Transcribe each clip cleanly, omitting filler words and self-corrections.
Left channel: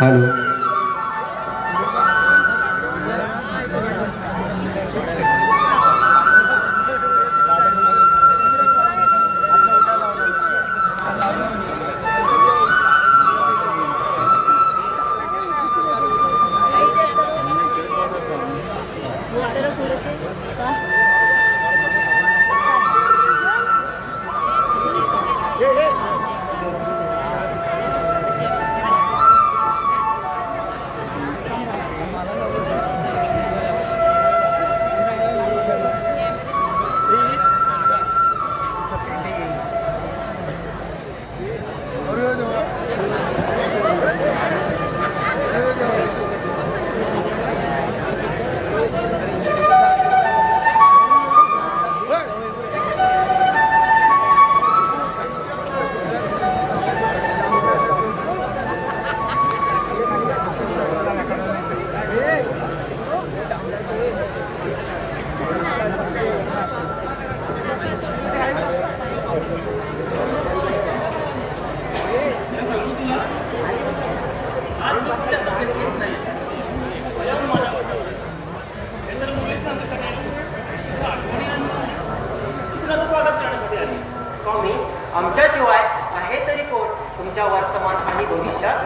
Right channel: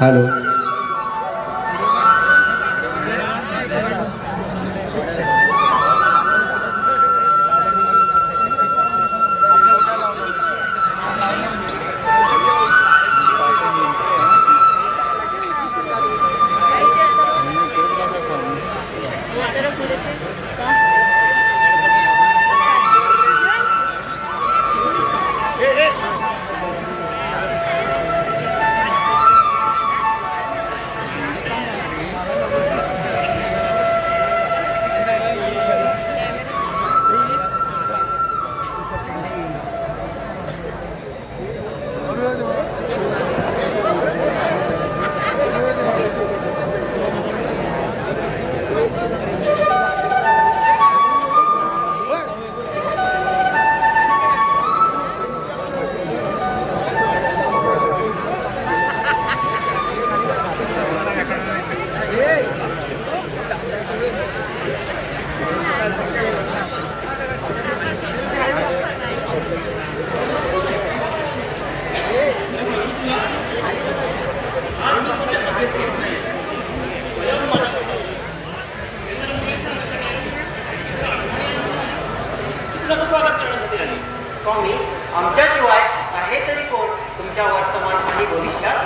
Hello. स्वामी, आमच्याशिवाय आहे तरी कोण तुमच्या वर्तमान आणि भविष्यात?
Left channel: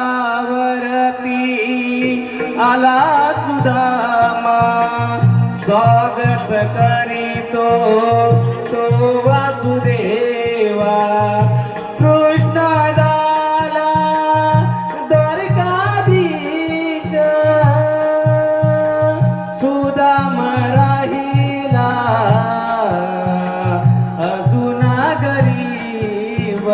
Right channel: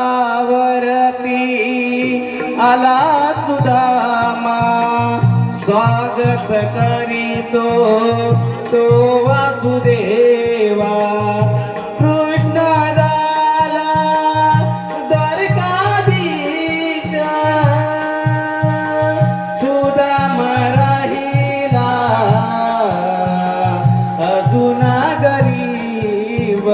द्वारावरती आला सुदामा, स्वागत करीतो तो वासुदेवा. कृष्ण झाला द्वारकाधीश, सुदाम राहिला अजून गरीब.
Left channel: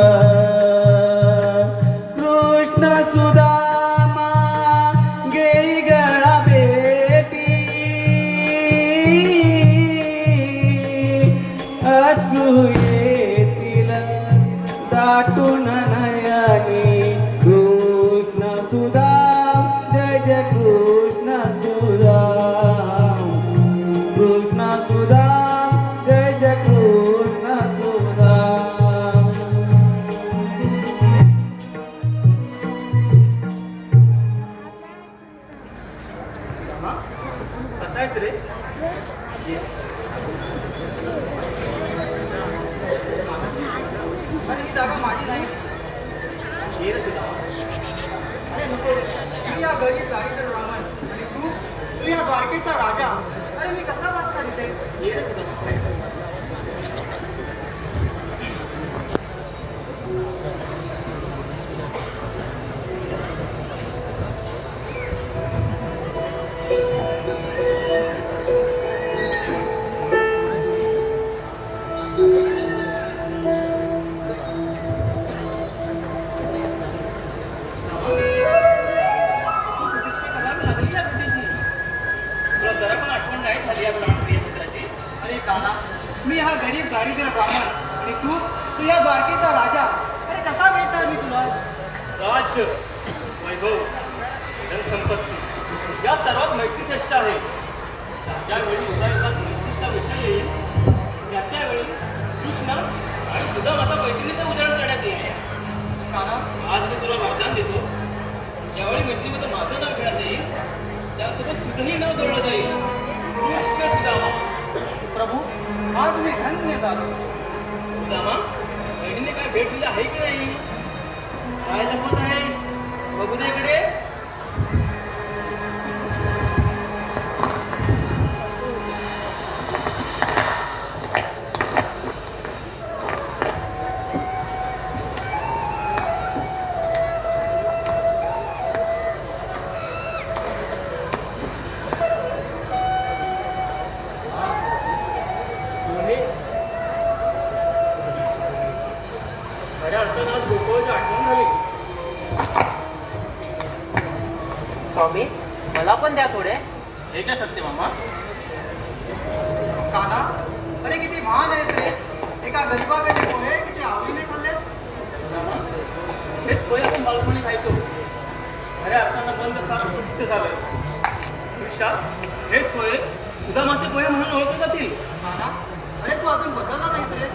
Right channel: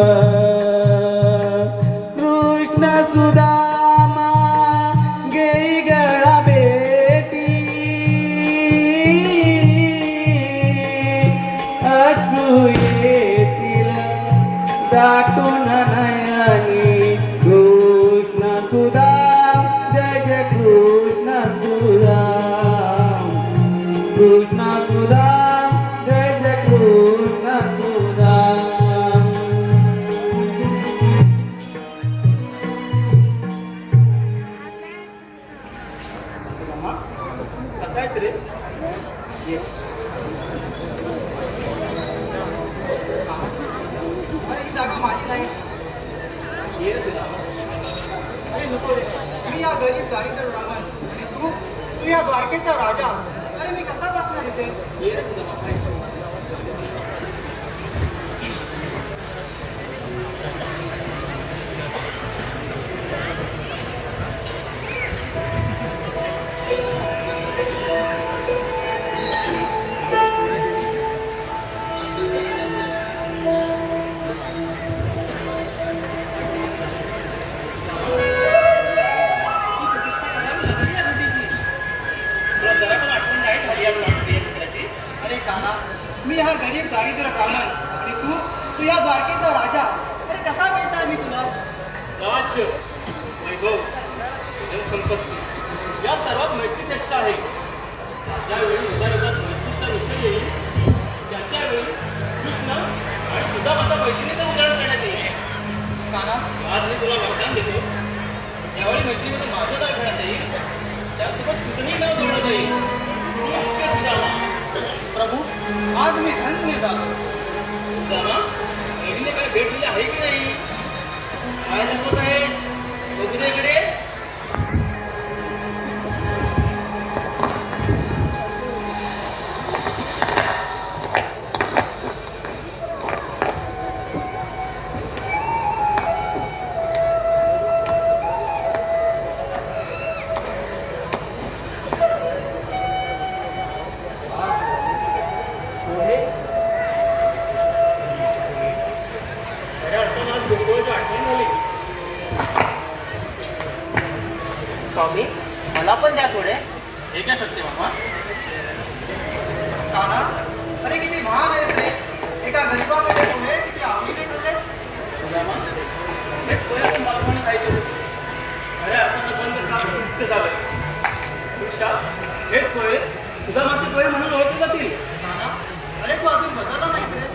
गरीब दारिद्र ब्राह्मण आणि तू या द्वारकेचा राजा. अरे मी कसा वाचणार इथे? ये रे सुदामा. अरे काना, मी हा गरीब दारिद्र ब्राह्मण आणि तू या द्वारकेचा राजा. अरे कसा भेटणार मी तुला? राज्य, वैभव, धनसंपत्ती या सर्वात मैत्री श्रेष्ठ आहे. ज्यावेळी युगायुगात मैत्रीचा विषय येईल त्यावेळी कृष्ण आणि सुदामाच्या मैत्रिणीचं उदाहरण करण्यात येईल. काना, आज मी तुला वरदान देतो. ज्यावेळी मैत्रिणीचं माझं नाव घेण्यात येईल त्यासोबत तुझंही नाव जोडण्यात येईल. कृष्ण सुदामा. प्रभू, आज मी धन्य झालो. सुदामा, बहिणीने काय भेट दिली आहे की नाही? काय दाखवत आहेस? बघू दे इकडे. खऱ्या अर्थानं आज गोकुळाची आठवण झाली. स्वामी मला पण द्या थोडे. हे काय सत्यभामा? काना, अरे किती महान आहेस रे. एका गरीबाने पोहे किती आवडीने खाल्लेस. सुदामा, हेच पोहे आपण बालपणी खायचो. खऱ्या अर्थानं बंद साप तृप्त झालं. भविष्यात हेच पोहे सुदामाचे पोहे म्हणून ओळखले जातील. काना, अरे तू अजून बदलला नाहीस रे.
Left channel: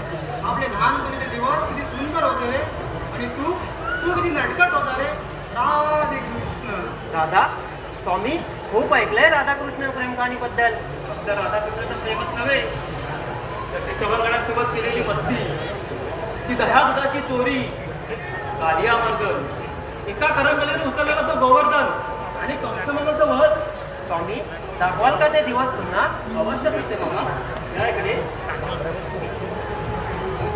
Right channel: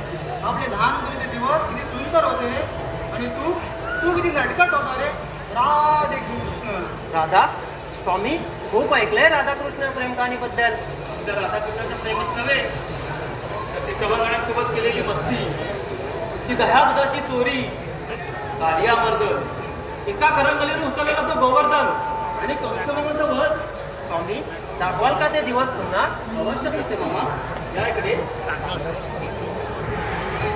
आपले लहानपणीचे दिवस किती सुंदर होते रे. आणि तू किती नटखट होता रे. राधे कृष्ण. राधा स्वामी खूप ऐकलंय राधाकृष्ण प्रेम कहाणीबद्दल. तर राधाकृष्णाचं प्रेमच नव्हे तर ते सवंगड्यांसोबत केलेली मस्ती, ती दह्या दुधाची चोरी, आलिया मर्द, एका करंगलीवर उचललेला तो गोवर्धन आणि कंसमानाचं वध. स्वामी दाखवाल का ते दिवस पुन्हा? अवश्य असते मामा. या इकडे.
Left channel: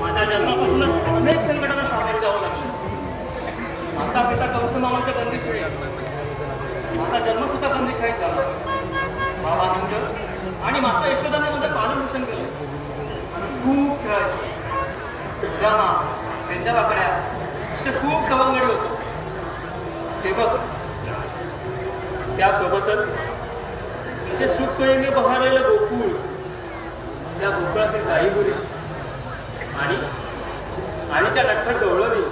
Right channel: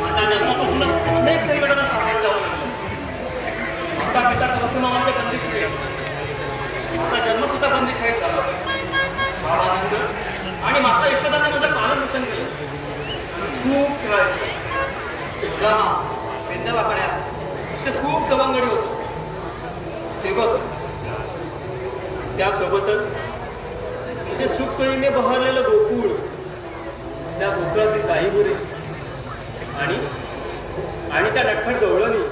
माझ्या जन्मापासूनच अनेक संकटांना सामोरं जावं लागलं. माता पिता कंसमानाच्या बंदिशाळेत, माझा जन्मसुद्धा बंदिशाळेत झाला. बाबा नंद आणि माता यशोदांना माझं पालनपोषण केलं. आम्ही खूप खेळायचो. सुदामा, पेंद्यावाकड्या असे खूप सवंगडी होतो. ते बघ, त्यासोबतच ते सुखसोयीने बहरलेलं गोकुळ, त्या गोकुळातील गाई गुरे आणि त्या नटखट गवळणी.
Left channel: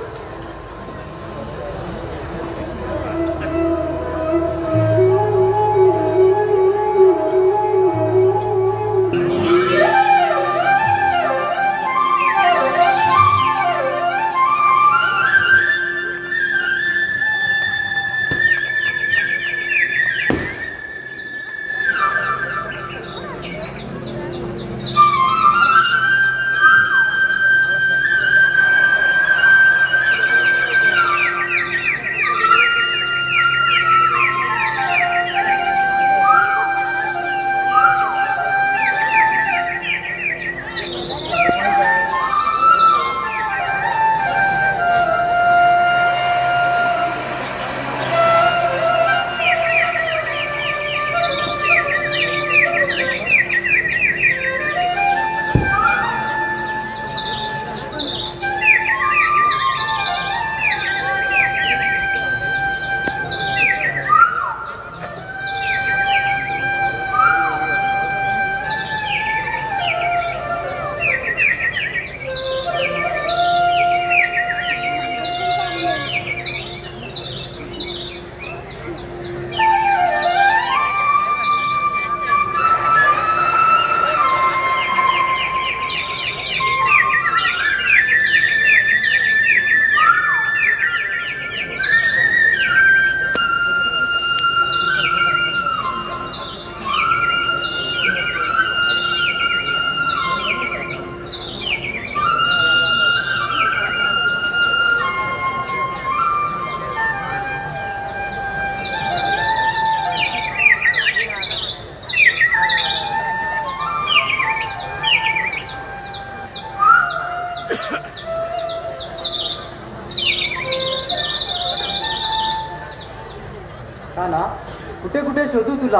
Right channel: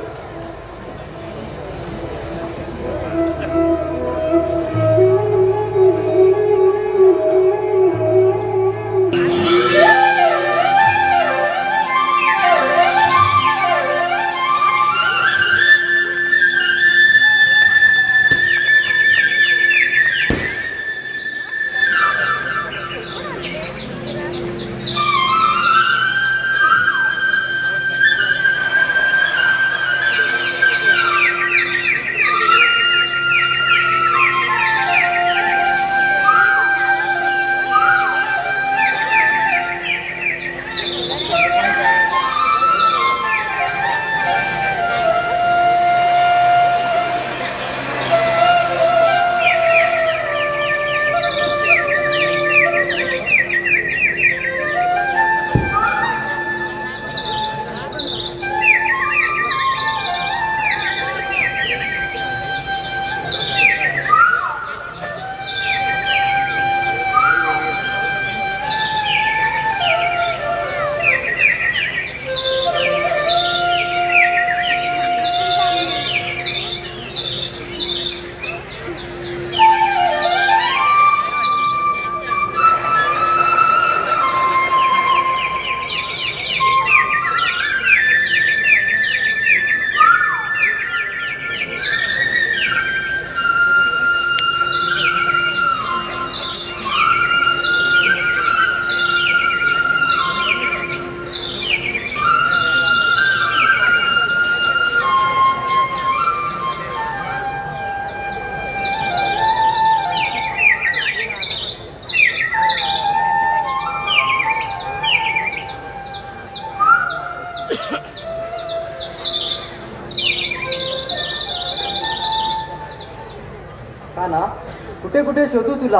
कुठे कुठे शोधू तुला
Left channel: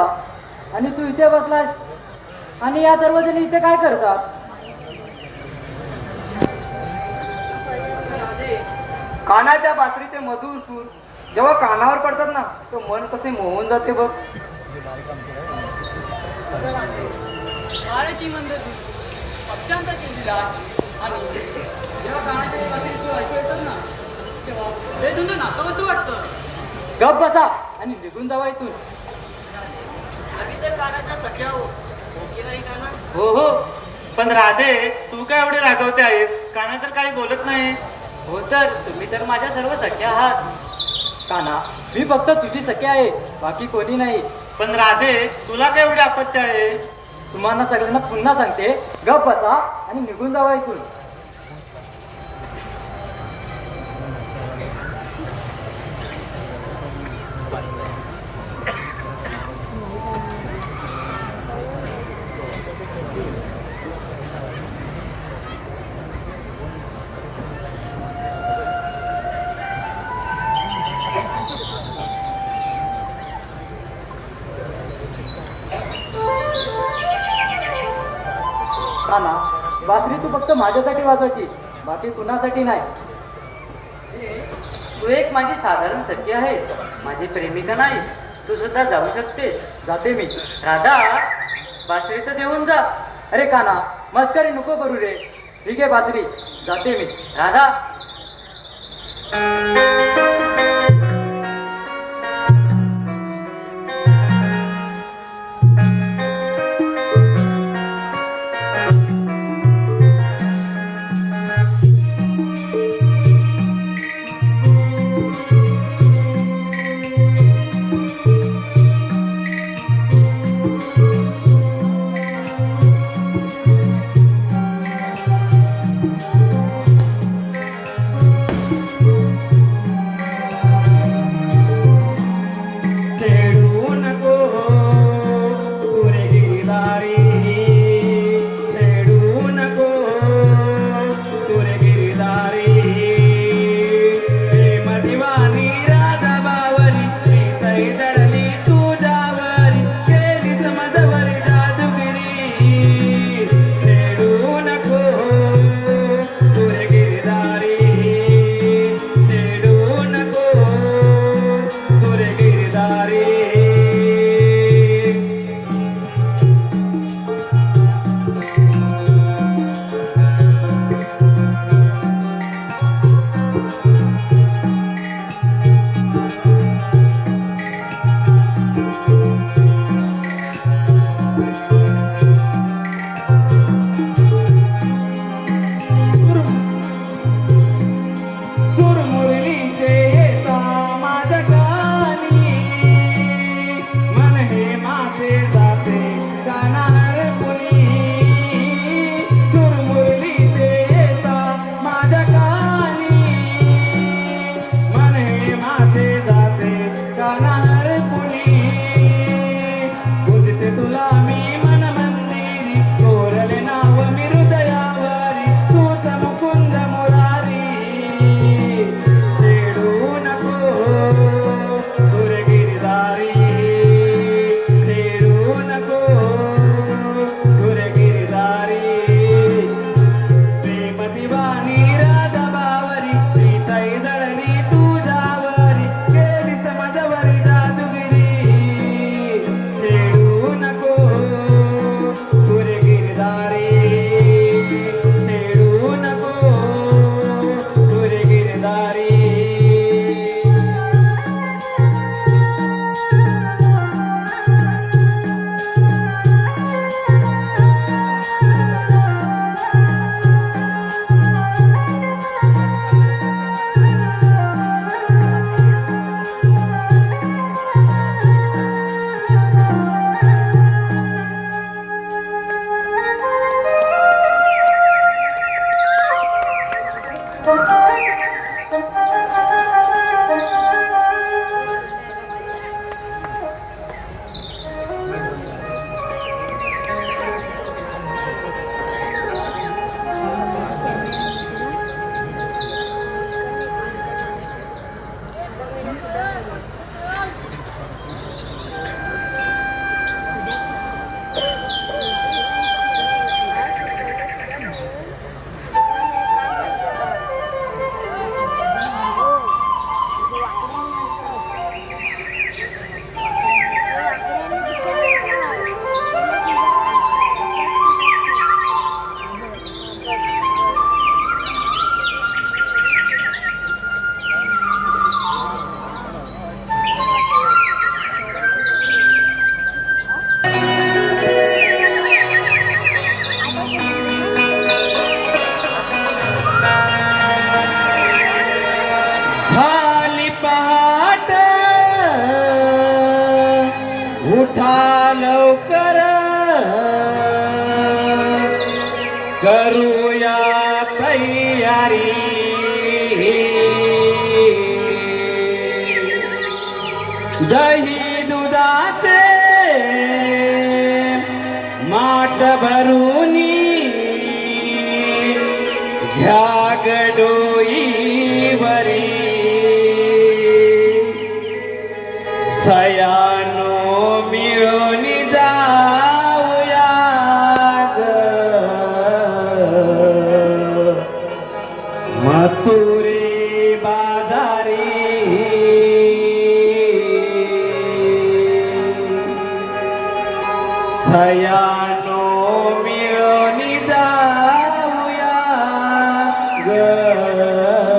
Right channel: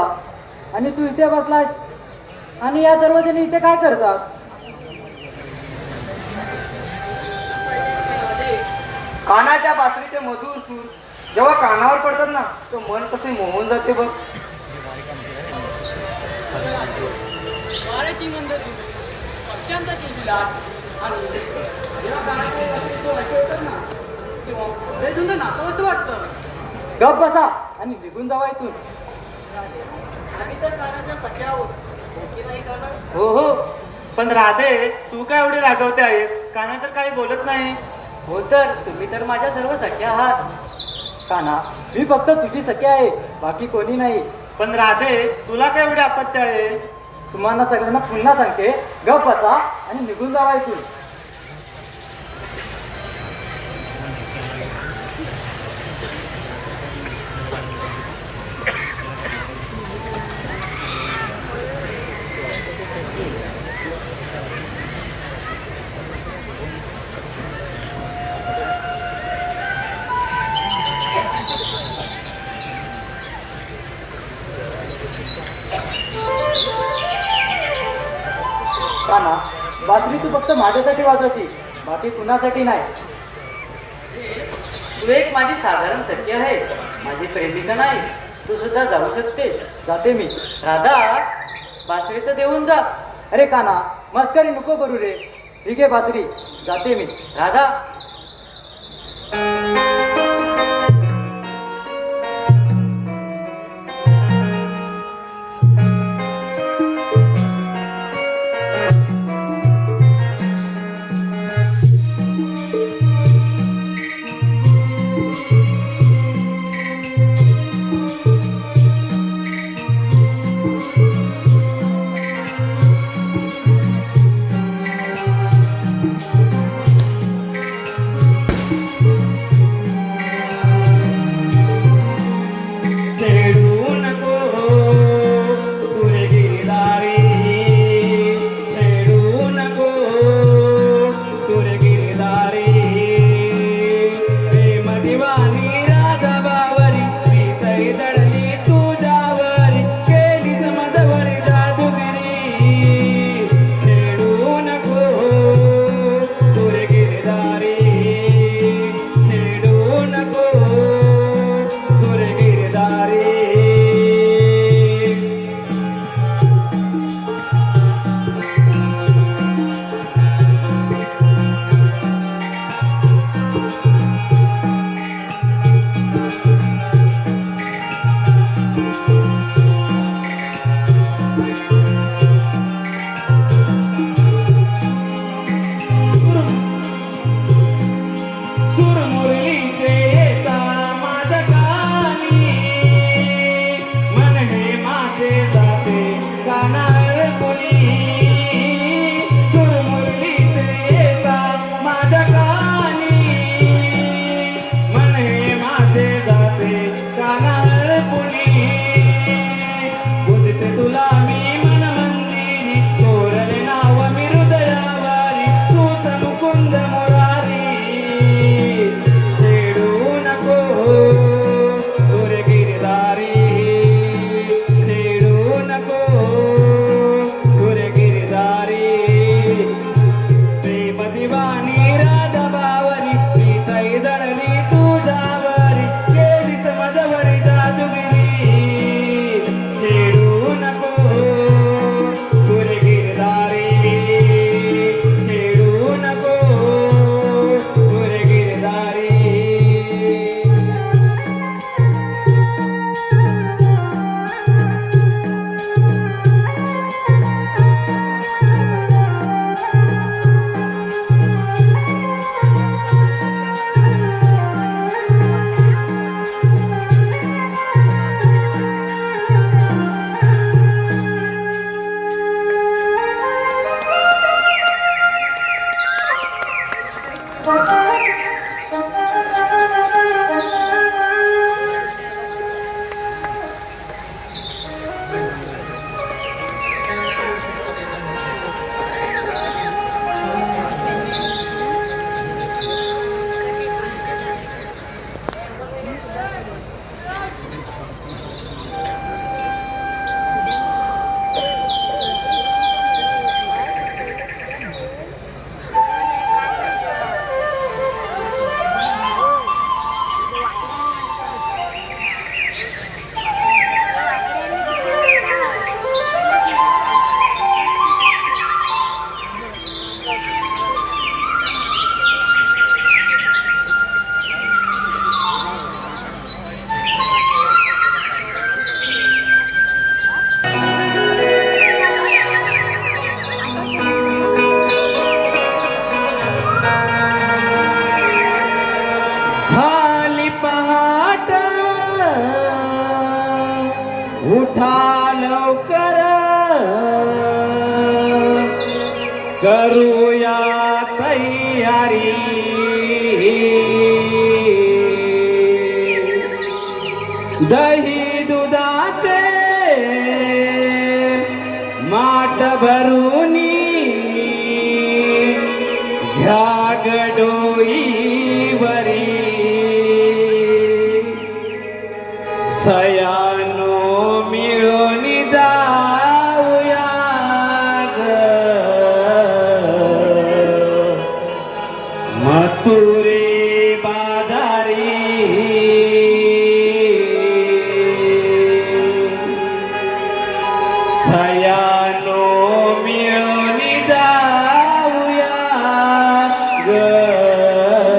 आणि तू इथे बसलायस आणि या सर्वजणी इथे काय करतात? कानाच्या बासरीचे मधुर सूर जेव्हा कानावर पडतात ना तो मन कसे मोहून जाते बघ. वाऱ्याची मंद झुळूक, पक्ष्यांचा किलबिलाट आणि जेव्हा कानाचे बासरी तो ऐकू येतात ना तेव्हा हृदय नाचावंसं वाटतं. गप बसा आणि निघून जावा इथून. आम्ही तर कानाच्या सख्या आहोत, हो की नाही काना? हो हो, पण राधे तू काय एवढे रागवते आहेस? काना तर काही बोलत नाही. हो तर तुम्ही तर माझ्या सर्व सख्या आहात. काना, मी फक्त तुझी सख्या आहे, बाकी कोणी नाही. पण राधे तुला काय एवढी आपत्ती आहे? तुम्हाला सगळ्यांना पुन्हा सांगते, गप बसा आणि निघून जावा इथून. काना, बासरी तू फक्त माझ्यासाठी वाजवती, बाकी कुणासाठी नाही. तू एक माझी साधारण सखी आहे, माझी प्रेमिका नाही. तू सुद्धा जाऊ शकतेस. जाते मी. राधा, बासरी तर देऊन जा. अरे काना, मस्करी नको करू रे. ठीक आहे बासरी, जाते मी. राधा. करूया तयारी दही दुधाचे माठ भरून घ्या गडोईवरी सयानो मिळून जाऊया ग मथुरी बाजारी सयानो मिळून जाऊया ग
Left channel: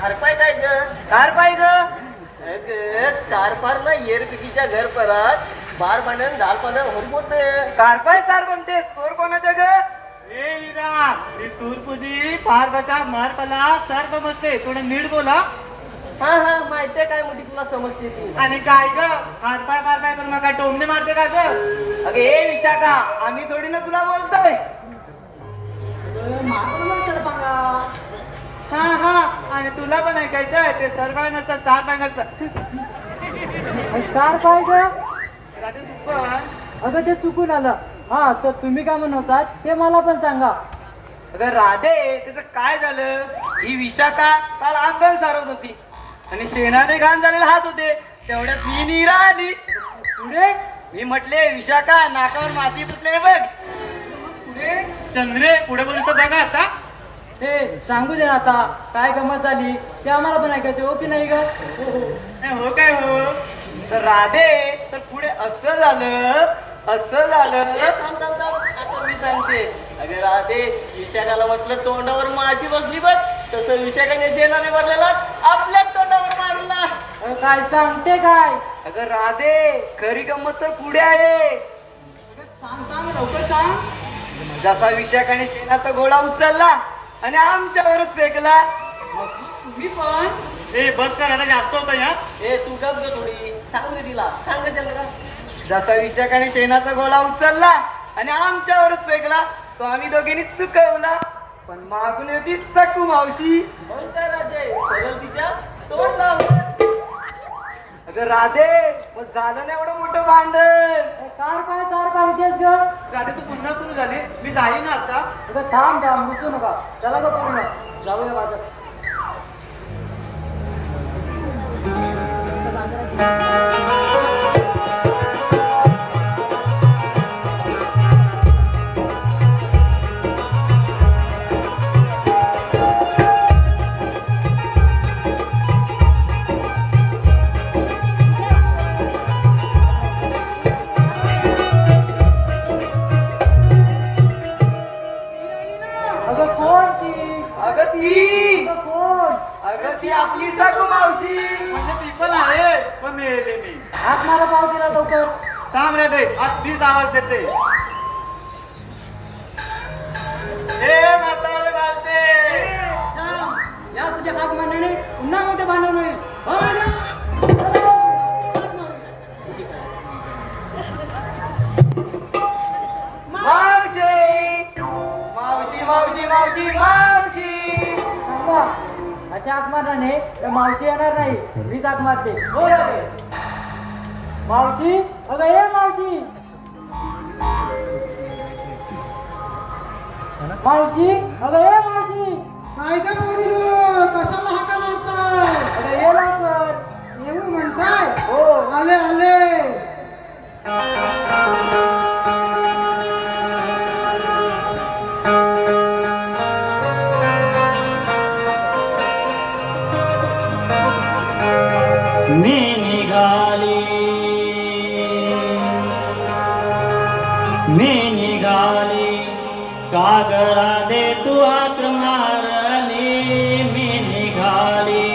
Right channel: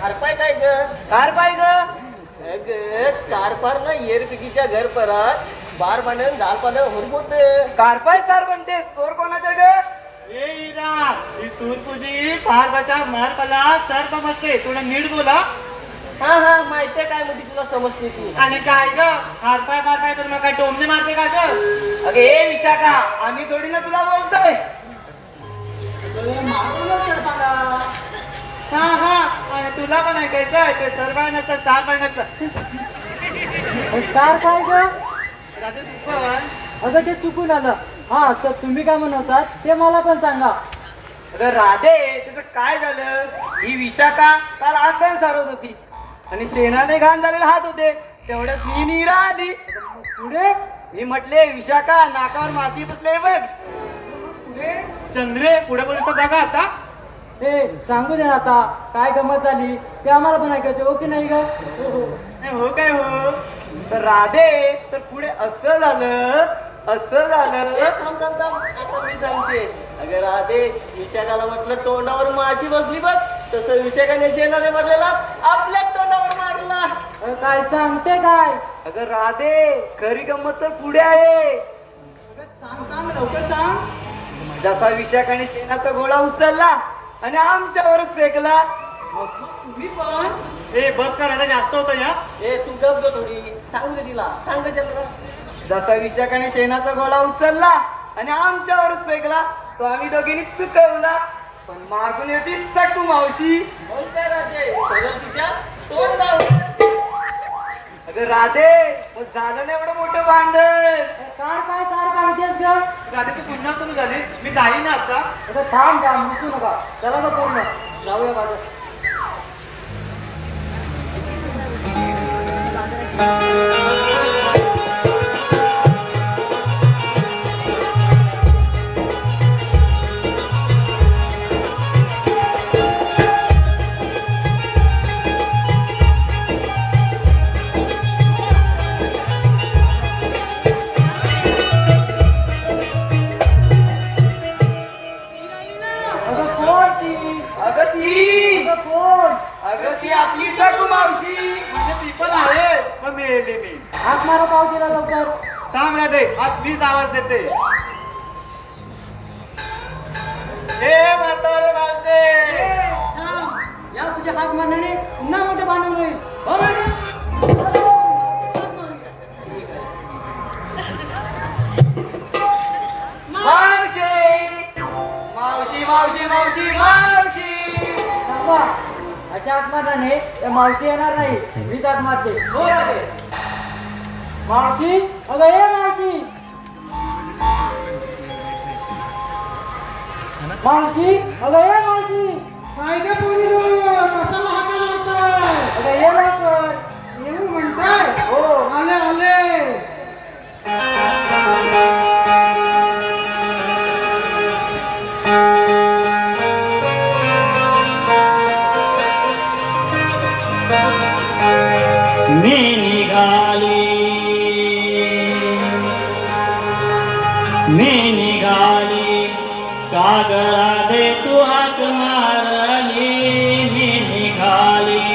खारपाय काय ग कार पाहिजे अगं चार ना येर पिकीच्या घर परत बार म्हणून झाल पण होत कार पाय सार म्हणते स्कोर कोणाच्या ग ए इरा ही तूर्पुजी फार बसा मार पला सर्प मस्ते थोडं नीट बोला हा हा माहितीये काय म्हणते तुला समजते ती आणि काय ग हातपाय मारपाय करून मग काय टोमने मारते का ग अगे हे विशाखा आम्ही थोडी ना तुला बोलतोय हा हा आणि तुला पण ऐकायचंय ते सर्व नसतं सहा पाय नसतं कार पाय ग रात्री तू पण अगं ते चुकून आलं हा तर तुम्ही काय म्हणतात ते मला पण सांगा अगं राधे तुझं काय झालं ही विशाखा काल अंगण सारवत होती आणि शेणाने घाण झालेले हात होते तेवढ्यात मी नीरा आली पुढे मी म्हटले विशाखा नाकावर माती पुतले बघ पुढे चंद्रे पुढे बोलतो बघा आता हे सांगू दे ना आता काय गमत झाली ते आम्हाला पण ऐकायचं हो की नाही ग हो काय हो तर राधे तर पुढे असं झालं थांब आता मी सांगते अगं राधे विशाखाला म्हटलं तोंडावर माझी बसली बघ तसं विशाखाने शेणाने बदलेला आपल्या तोंडावर मारला काय सांगते काय अगं राधे खरी गंमत तर पुढे आहे सांग सांग लवकर सांग जसा विशाखाने शेणाचा घोडा उचलला आणि आमच्यावरच फेकला मग तुम्ही पण ए बस कर आता जास्त होतं या ए तू गप ग थोडी सांग ग तिला सांग ग त्याला जसा विशाखाने शेणाचा घोडा उचलला आणि आमच्यावरच फेकला तो आम्ही दोघींनी चुकवला पण मागून होती सकू मावशी मग काय राजे सरळ तिच्या तोंड लावलं अगं राधे मग झालं नाही एवढं मोठं भांडण कार पाय सार पाय होतेस ग रात्री तू पुन्हा सुरू झालीस मी जाईन आता अगं थांब थांब रुसू नका चला ग पूर्ण जाऊया बाजार अगं कोण ती अगं ती अगं कोण अगं ती आपली सकू मावशी म्हणजे ती पण आहे मग मेले मी हात मारा पाव तिला लवकर थांब राधे आज मीच आवाज देते ए म्हातारे मासे थांब या तुझ्या हात मारण्याने पुन्हा मोठे भांडण होईल हो मॅडम मावशी मावशी मावशी मावशी मावशी थांबा अशा हात मारण्याने त्या मावशी येणार नाही मीच हात मारते हो राधे मावशी अगं ये मावशी मावशी अगं ये मावशी काय का पोरी कशाला हाका मारताय अगं ये लवकर येऊ म्हणताय हो आले आले मी निघाली कागरा दे तू हाक मारली मी निघाली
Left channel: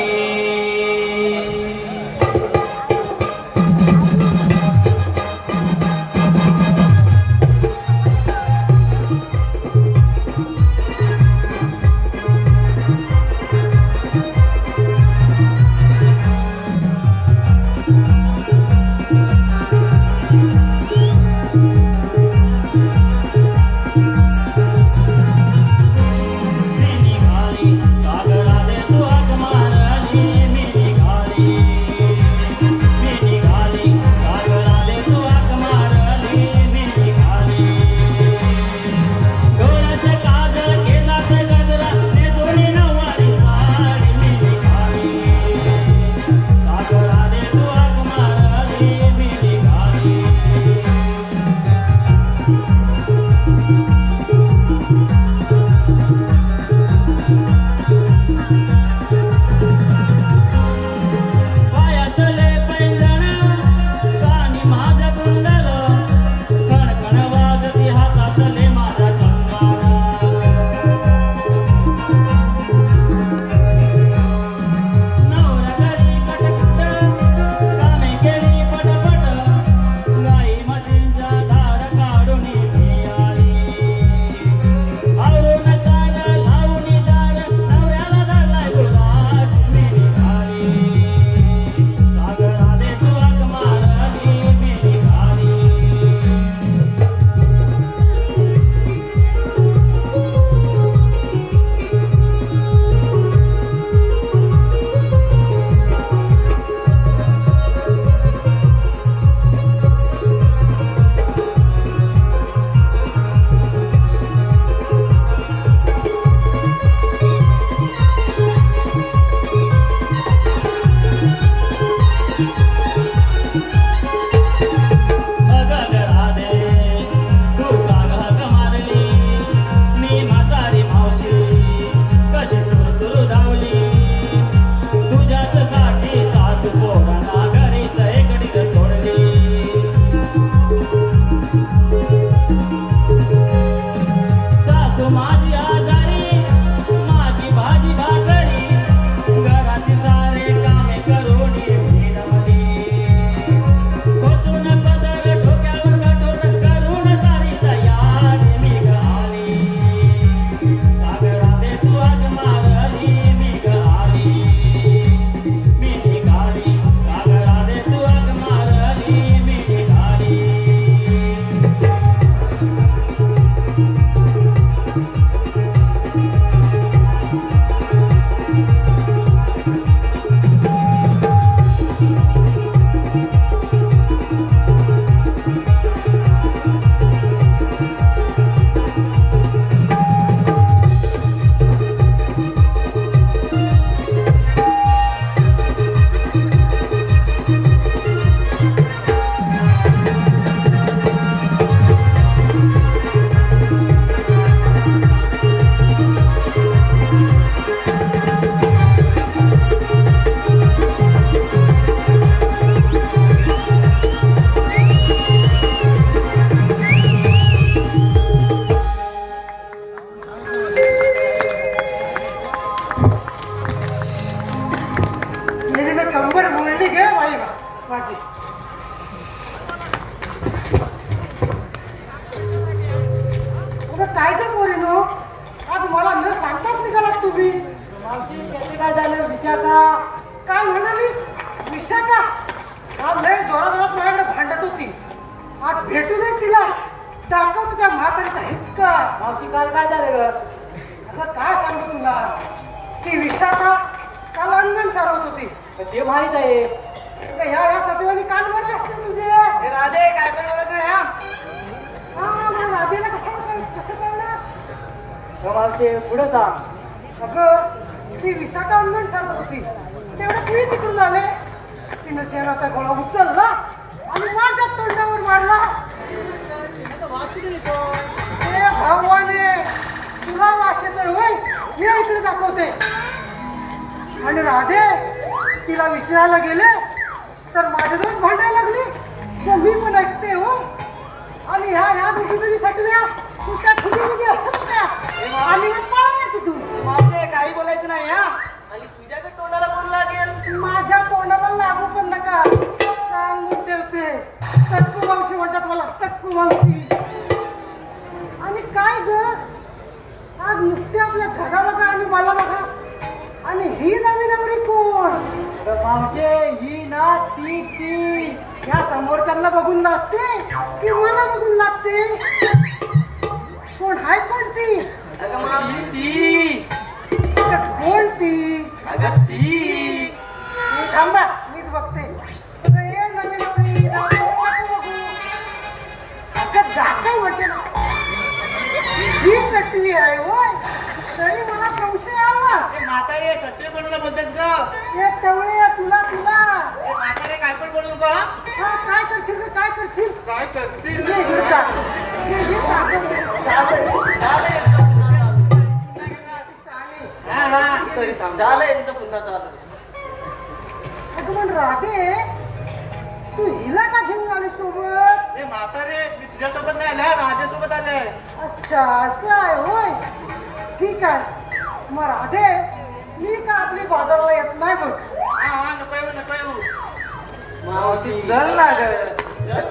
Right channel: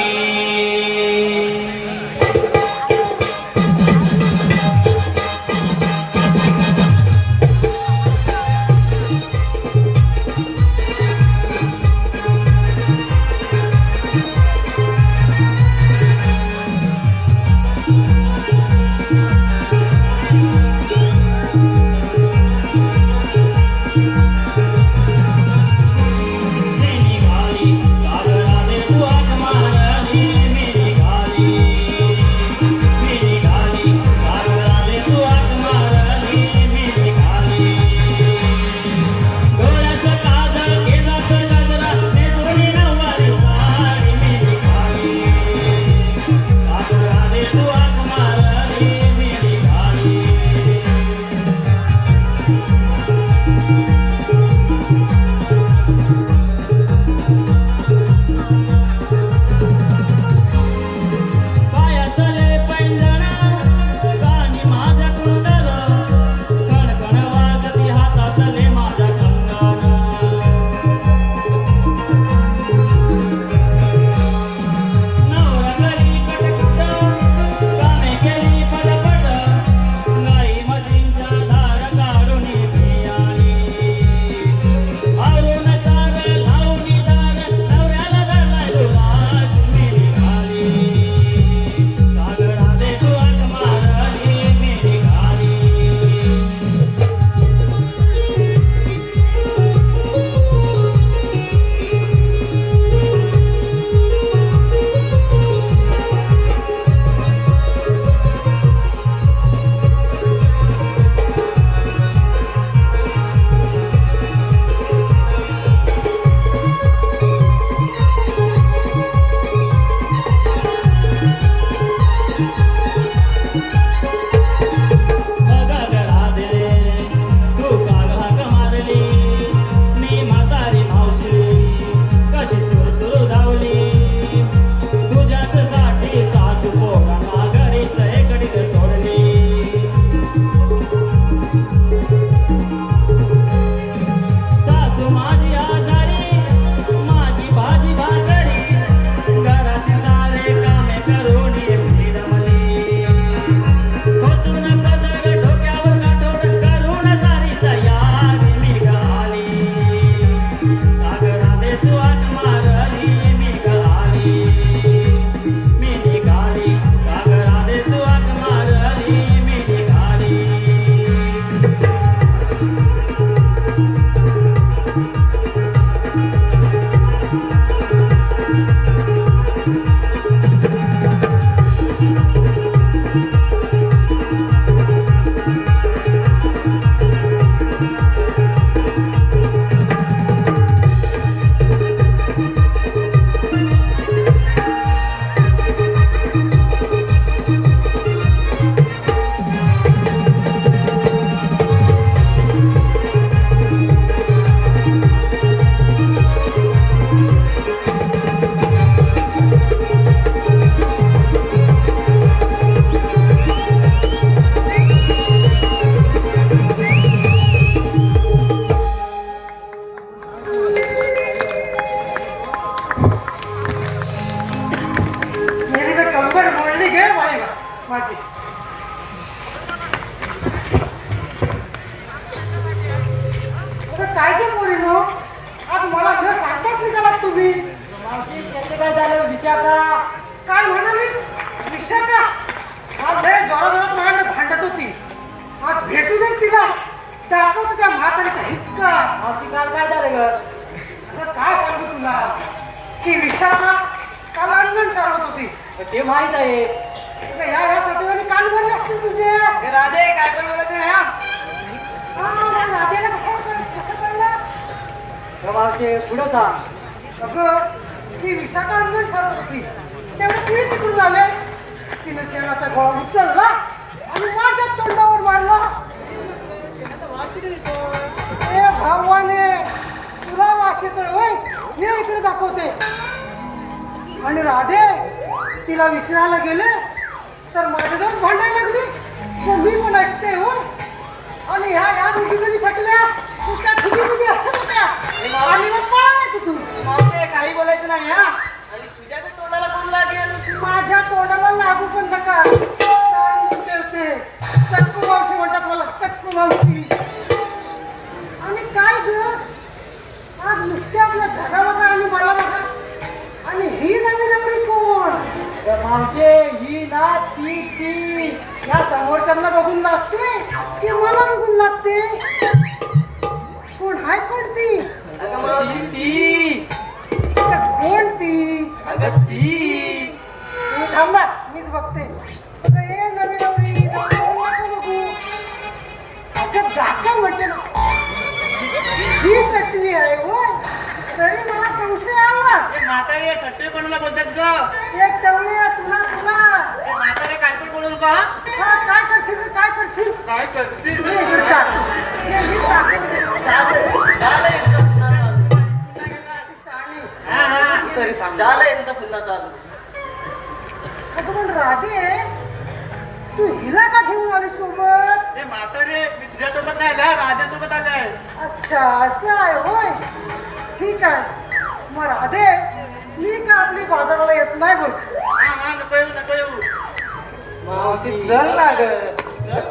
दाखव तुझ्या म्हातारीचा हिसका. मावशी काल काय झालं ग? आता काय सांगू तुला की विशाखा काल अंगण सारवत होती. ते माहित आहे. आता ह्या साठवणी कान भरले असतील तुझे. हे राधे काय पण बोलत नाही हा? राधेला कसं कळलं? मावशी पुढे जा. अगं ती विशाखा अंगण सारवत होती. तेवढं किती तिकडून आले. तिनं शेणाचा गोळा उचलला आणि माझ्या तोंडावर मारला. आता वास किती देतो? ए भगवाने, तुला वास येतोय होय? ये इकडे दाखवते. आणि राधे तिला विचारायला गेले तर माझ्याजवळ भांडायला लागली. मग मी पण ऐकते हो. आणि ह्या दोघी जरी सटल्या नुसत्या ठुकीमध्ये असतात होत्या. आणि मग पळाले तिथून. मावशी काही बोलायचं नाही हा. आणि तुझ्या बी तोंडाला कोण लागेल? माझ्या तोंडाला लागू पण नका. सांगून ठेवते. सक्कू मावशी म्हणतात मला, सक्कू मावशी. आणि काय ग, आज नुसते आपल्या झगा बघा आणि मला बघा. आणि ही नवी नवरी कोण? मावशी ही ना ती या समोरच्यांना बघून नाचते की मला बघून लागते? कोण हाय कोण ती? अगं मावशी ती. कोण ती? अगं ती. तू थांबा, मीच बघते. अगं ये नवी नवरी, नको बघू. अगं जाका म्हणते ना. ही सटवी आहे होय. तरी मला संशय आला. म्हातारी सत्य कोणाला बोलतेस ग? एक टवळी आहे तुला. म्हातारे काय पण बोलू का? हा, काय करशील रे, काय करशील? काय करशील? तुला हिडतात. हे दाखवते. झालं यांचं पुन्हा चालू. अगं पण राधे, तू हिला का घेऊन आली सोबत? हे म्हातारे मी तुझ्यासोबत नाही आला, राधेसोबत आलाय. अच्छा, असं आहे होय. ठीक आहे. मग राधे, मी का आपली बाजाराला येत नाही बघ. हा नको येऊ नको येऊ. मावशी चल ना ग,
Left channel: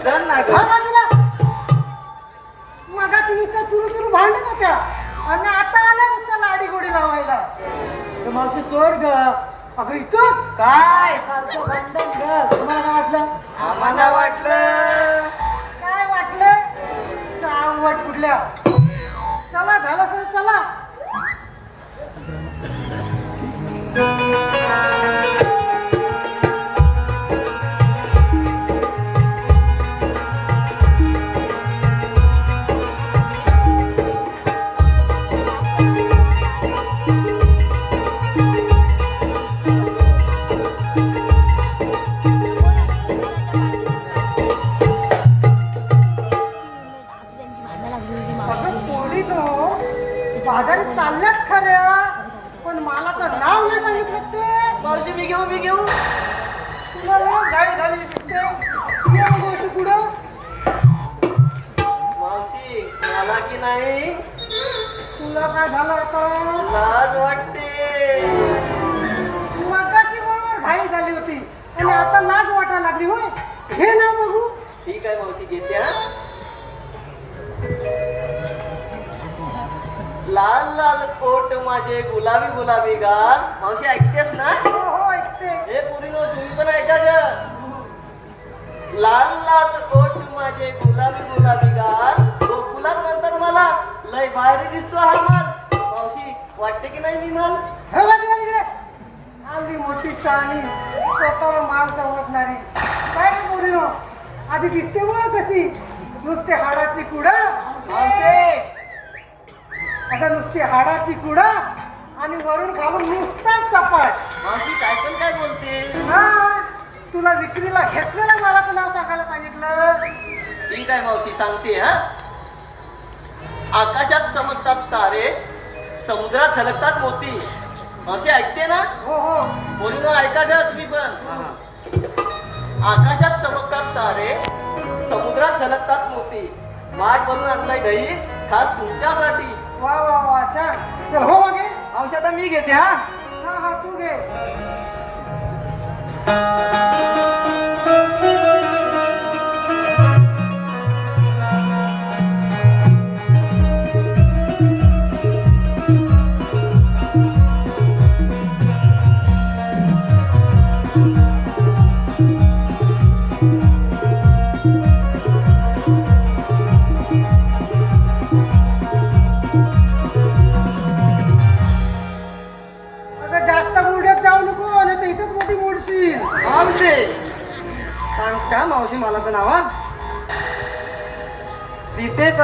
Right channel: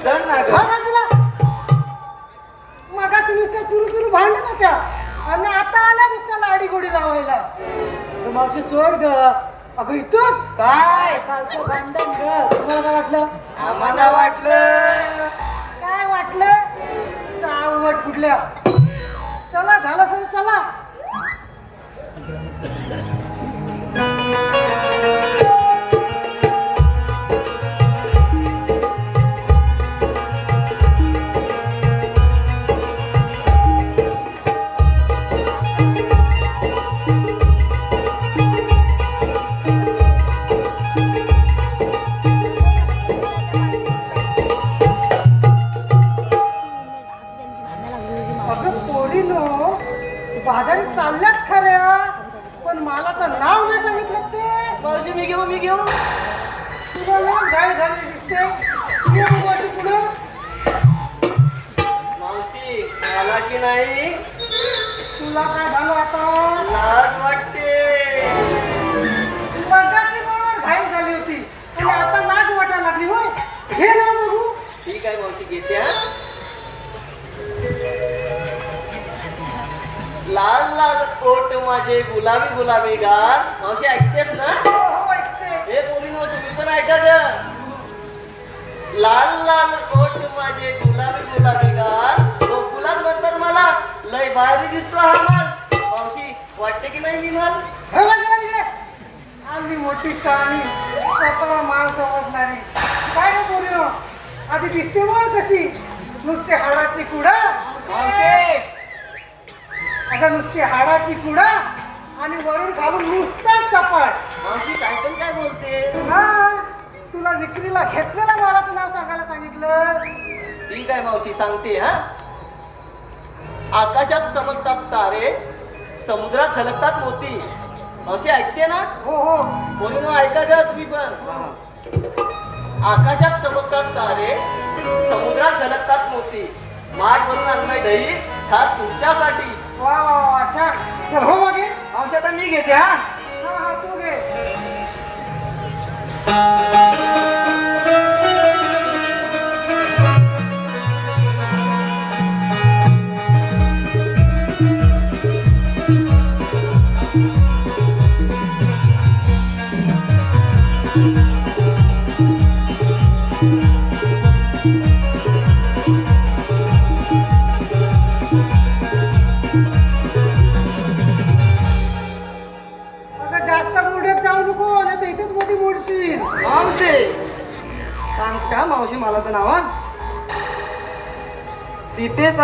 चल ना ग. हा बाजूला. मगाशी नुसत्या चुरू भांडत होत्या आणि आता आल्या नुसत्या लाडी गोडी लावायला. मावशी सोड ग. अगं इथंच काय कालचं भांडण ग. तुम्हाला काय वाटलं? आम्हाला वाटलं काय वाटलं? चावट कुठल्या. चला झालं सर, चला. अगं पोरीनो, बाजारात चालल्याच खऱ्या, पण मला तर नाव नाही सांगितलं ते. मावशी मी घेऊ. तुम्हाला काय झाले दिसते? ये बघू अशी पुढं. मावशी मला की नाही तुला काय झालं आता? लाज वाटते. मगाशी बरोबर घाई झाली होती आणि आता लाज वाटायला लागली होय. हे ना बघू. ठीक आहे मावशी घेते हा. लाल लाल कोट माझे गुलाबी गाल. मावशी ऐकतेस ना? हो, ऐकते. हे बोलीनो तुम्ही पण ऐका ग. लाल लाल कोट माझे गुलाबी गाल. गोकुलात म्हणतात मला लय बाहेर दिसतो हा माल. मावशी वाटते की नाही मी म्हण? हे बघ इकडे. आली मोठी शाणी, स्वतः माल समजणारी. काय रे पोरीनो, आधी दिसते मग कशी? नुसते हाडाची कुडा. आता नुसती हाडाची कुडा आणि वरून खालून नुसताच सपाट. मावशी काय पण काय बोलते. हा, तुला विक्रीला घेतलेल्या मालाचं नाव सांगायला सांगितलं. ठीक आहे मावशी सांगते हा. आकाशात चमकतात तारे, समुद्रात झलकतात मोती. मावशी ऐकते ना? हो हो. बोलून ऐका ग तुम्ही पण. आकाशात चमकतात तारे, समुद्रात झलकतात मोती. वाट भरून आणलंय दही खास तुमच्यासाठी. वा वा वा, छान. चल हो मागे. मावशी आता मी घेते हा. हा, तू घे.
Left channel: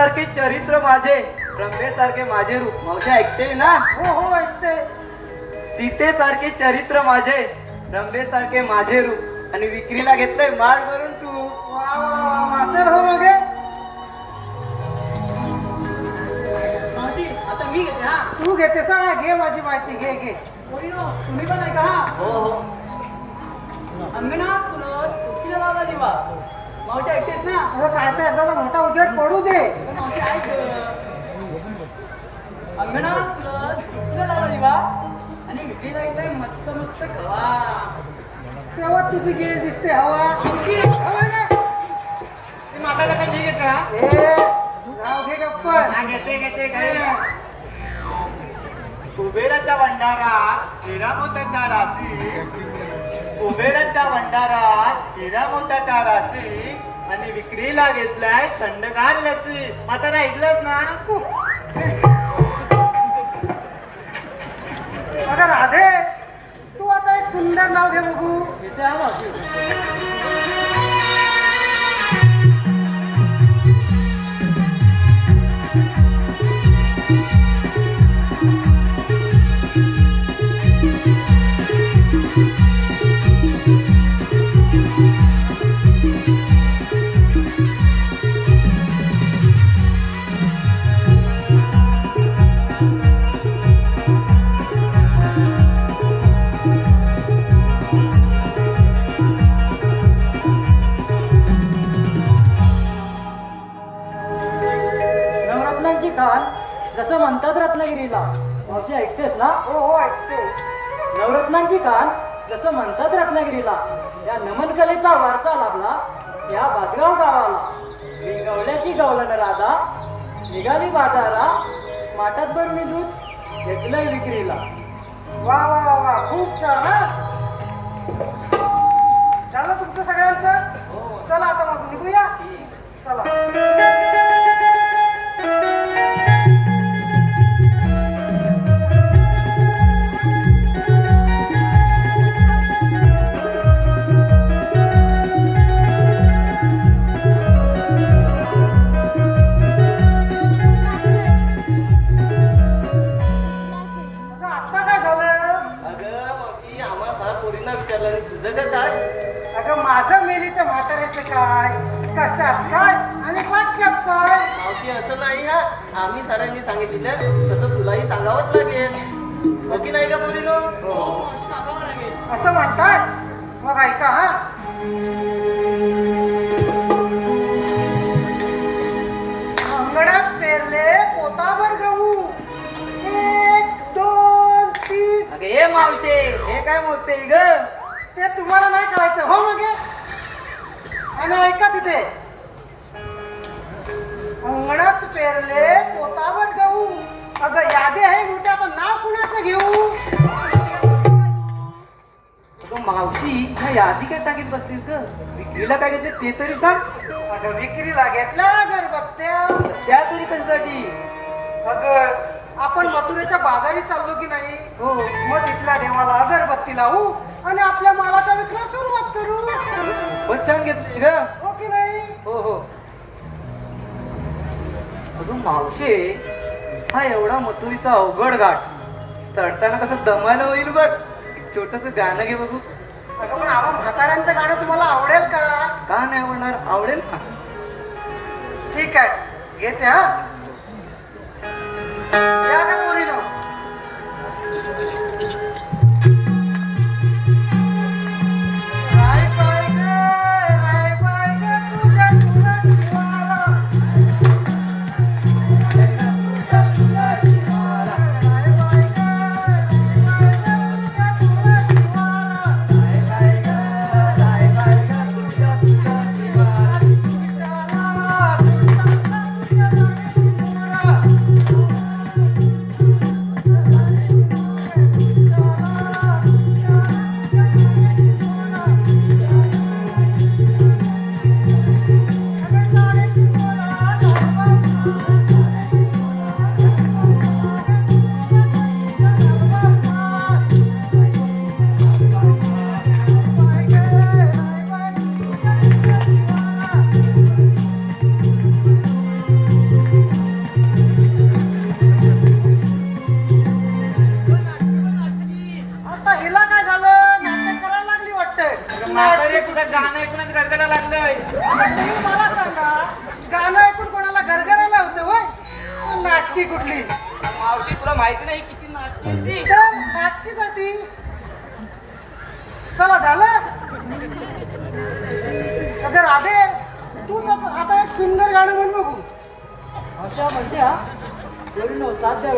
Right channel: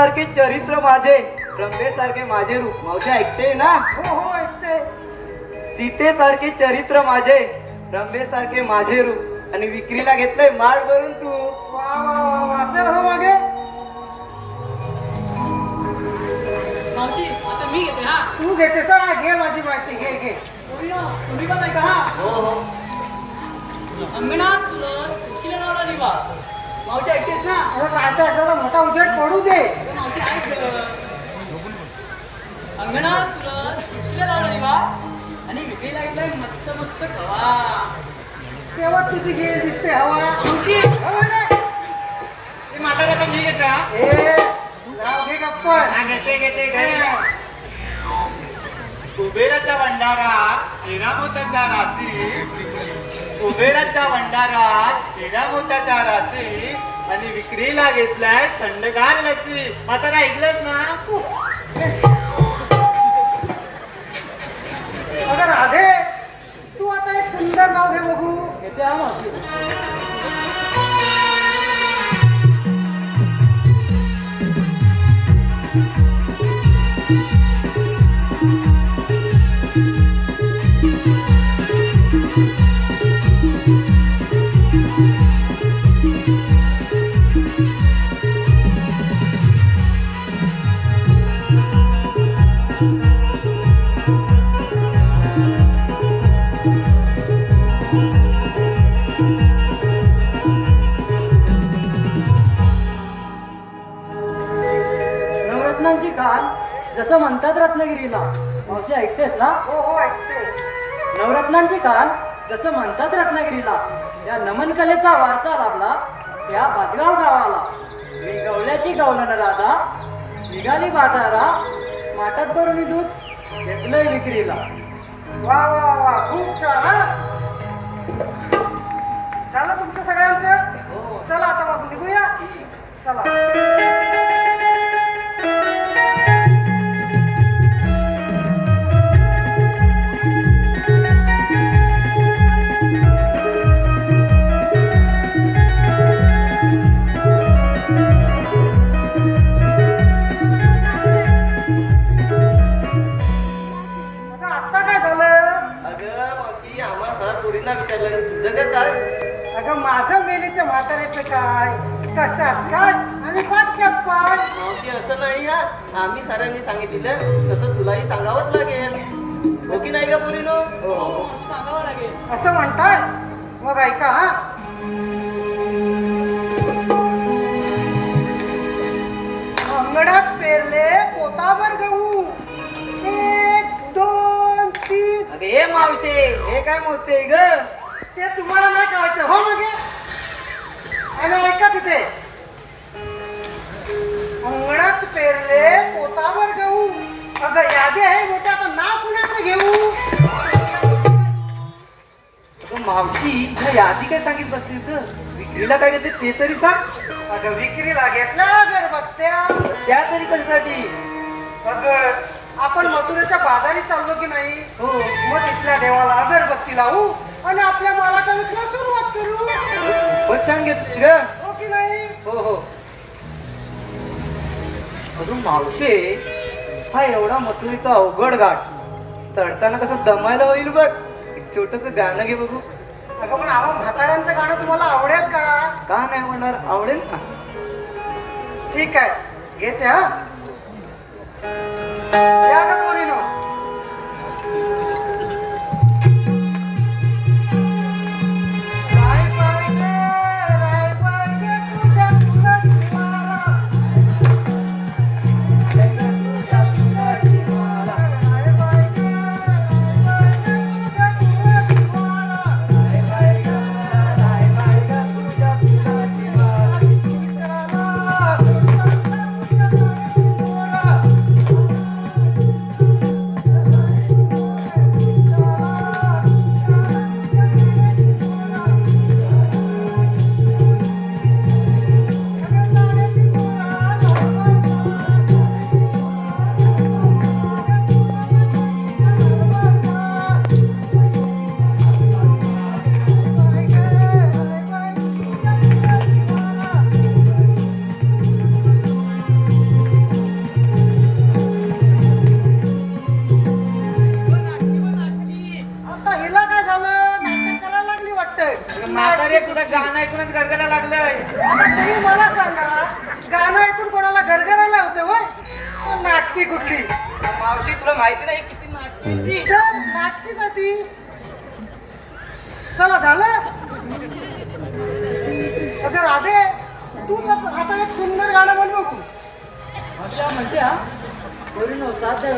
सीतेसारखे चरित्र माझे रंभेसारखे माझे रूप. मावशी ऐकते ना? हो हो ऐकते. सीतेसारखे चरित्र माझे रंभेसारखे माझे रूप आणि विक्रीला घेतलंय माळ भरून तू. वा वा वा वाचेल हो मागे. मावशी आता मी घेते हा. तू घेतेस हा, घे माझी माहिती घे घे. पोरीनो, तुम्ही पण ऐका हा. हो हो अंगणात तुळस तुळशीला लावला दिवा. मावशी ऐकतेस ना? अरे काय तर एखादा मोठा उजेड पडू दे. मावशी ऐक. अंगणात तुळस तुळशीला लावला दिवा आणि विक्रीला घेतलाय मस्त मस्त खवा. तेव्हा तुझी गेल दिसते हवा. मावशी हवा ना? म्हातारा तर मी घेतला. ए, जाऊ घे गप्पन. घेते कुबेराच्या भंडारात हिरामोताच्या राशी, कुबेराच्या भंडारात हिरामोताच्या राशी आणि विक्रीला घेतलाय थंडगार लसी. म्हातारा ऐकलंच ना? अगं राधे, तू आता एक सुंदर नाव घे बघू. घेते हा मावशी. नवरत्नांची खान जसं म्हणतात रत्नागिरीला. मावशी ऐकतेस ना? हो हो ऐकते. नवरत्नांची खान जसं म्हणतात रत्नागिरीला. या नमन कलेचा वारसा लाभला या बादगाव गावाला. गवल्याची गवलन राधा निघाली बाजारा. माठात भरून दूध घेतलंय विक्रीला. वा वा वा खूप छान हा. झालं तुमचं सगळ्यांचं? चला आता मग निघूया. चला. अगं, आता काय झालं? अगं मावशी आम्हा सगळ्या पोरींना विचारलं तुझं काय काय? अगं माझं मेलीचं म्हाताऱ्याचं काय, कशात काय आणि पाटक्यात काय. मावशी असं नाही हा. आम्ही सरांनी सांगितलं तसं तुलाही सांगावंच लागेल. हो की नाही का पोरीनो? हो मावशी सांगावं लागेल. असं म्हणताय? मग ऐका हा. अंगणात पेरले पोताभर गहू. 1 2 3. अगं हे मावशे हे काय मोजते ग? ते तुम्हाला नाही कळायचं हो मग. आणि ऐका तिथे, अंगणात पेरले पोतावर गहू. अगं यादी आहे मोठा, तर नाव कुणाचं घेऊ? अगं मावशी ह्या यादी काय सांगित बसलीस ग? विक्रीला काय घेते ते तरी सांग. अगं विक्रीला घेतल्या अगरबत्त्या. त्या तरी कशासाठी? अगं आपण मथुरेच्या बाजारी चाललो की नाही, हो मग तिथल्या देवाला अगरबत्ती लावू आणि आपल्या मालाचा विक्री सुरुवात करू. बच्चन घेतली ग? हो की नाही? हो हो. अगं मावशे हा एवढा मथुरीचा अवघड घाट चढताना कसं दमायला होईल बघ. एक छोटस गाणं घे बघू. अगं पण आम्हा म्हाताऱ्यांचं गाणं तुम्हाला आवडेल का? का नाही म्हणणार? आवडेल ना. ठीक आहे घेते हा. या का पोरीनो? राय पाहिजे तुझ्या पुढं शिवारा. राय पाहिजे तुझ्या पुढं शिवारा. गाणं ऐकूनच गरगरा लागलंय. तुम्ही मला सांगा गाणं ऐकून कोणाला गरगरायला होतं होय नाटकी कुठली मावशी तुला माहिती नाही किती नाटकी आहे ती. नाटकी जाती चला झालं अगं राधे तू आता एक सुंदर गाणं म्हण बघू अशा म्हणत्या कोणी साध्य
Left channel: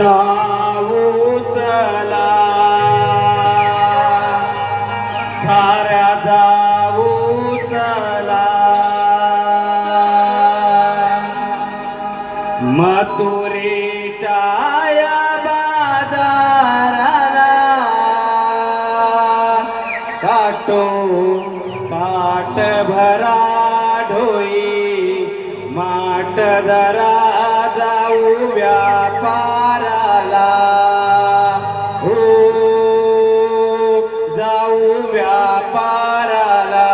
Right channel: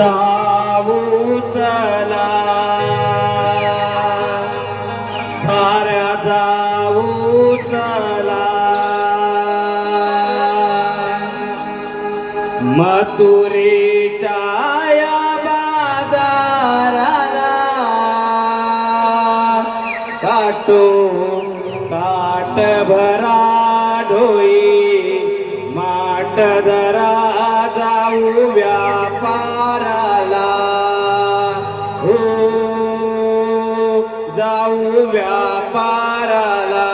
जाऊ चला साऱ्या जाऊ चला मथुरेच्या बाजाराला काटो काट भरा ढोई माट धरा जाऊ व्यापाराला हो जाऊ व्यापाराला.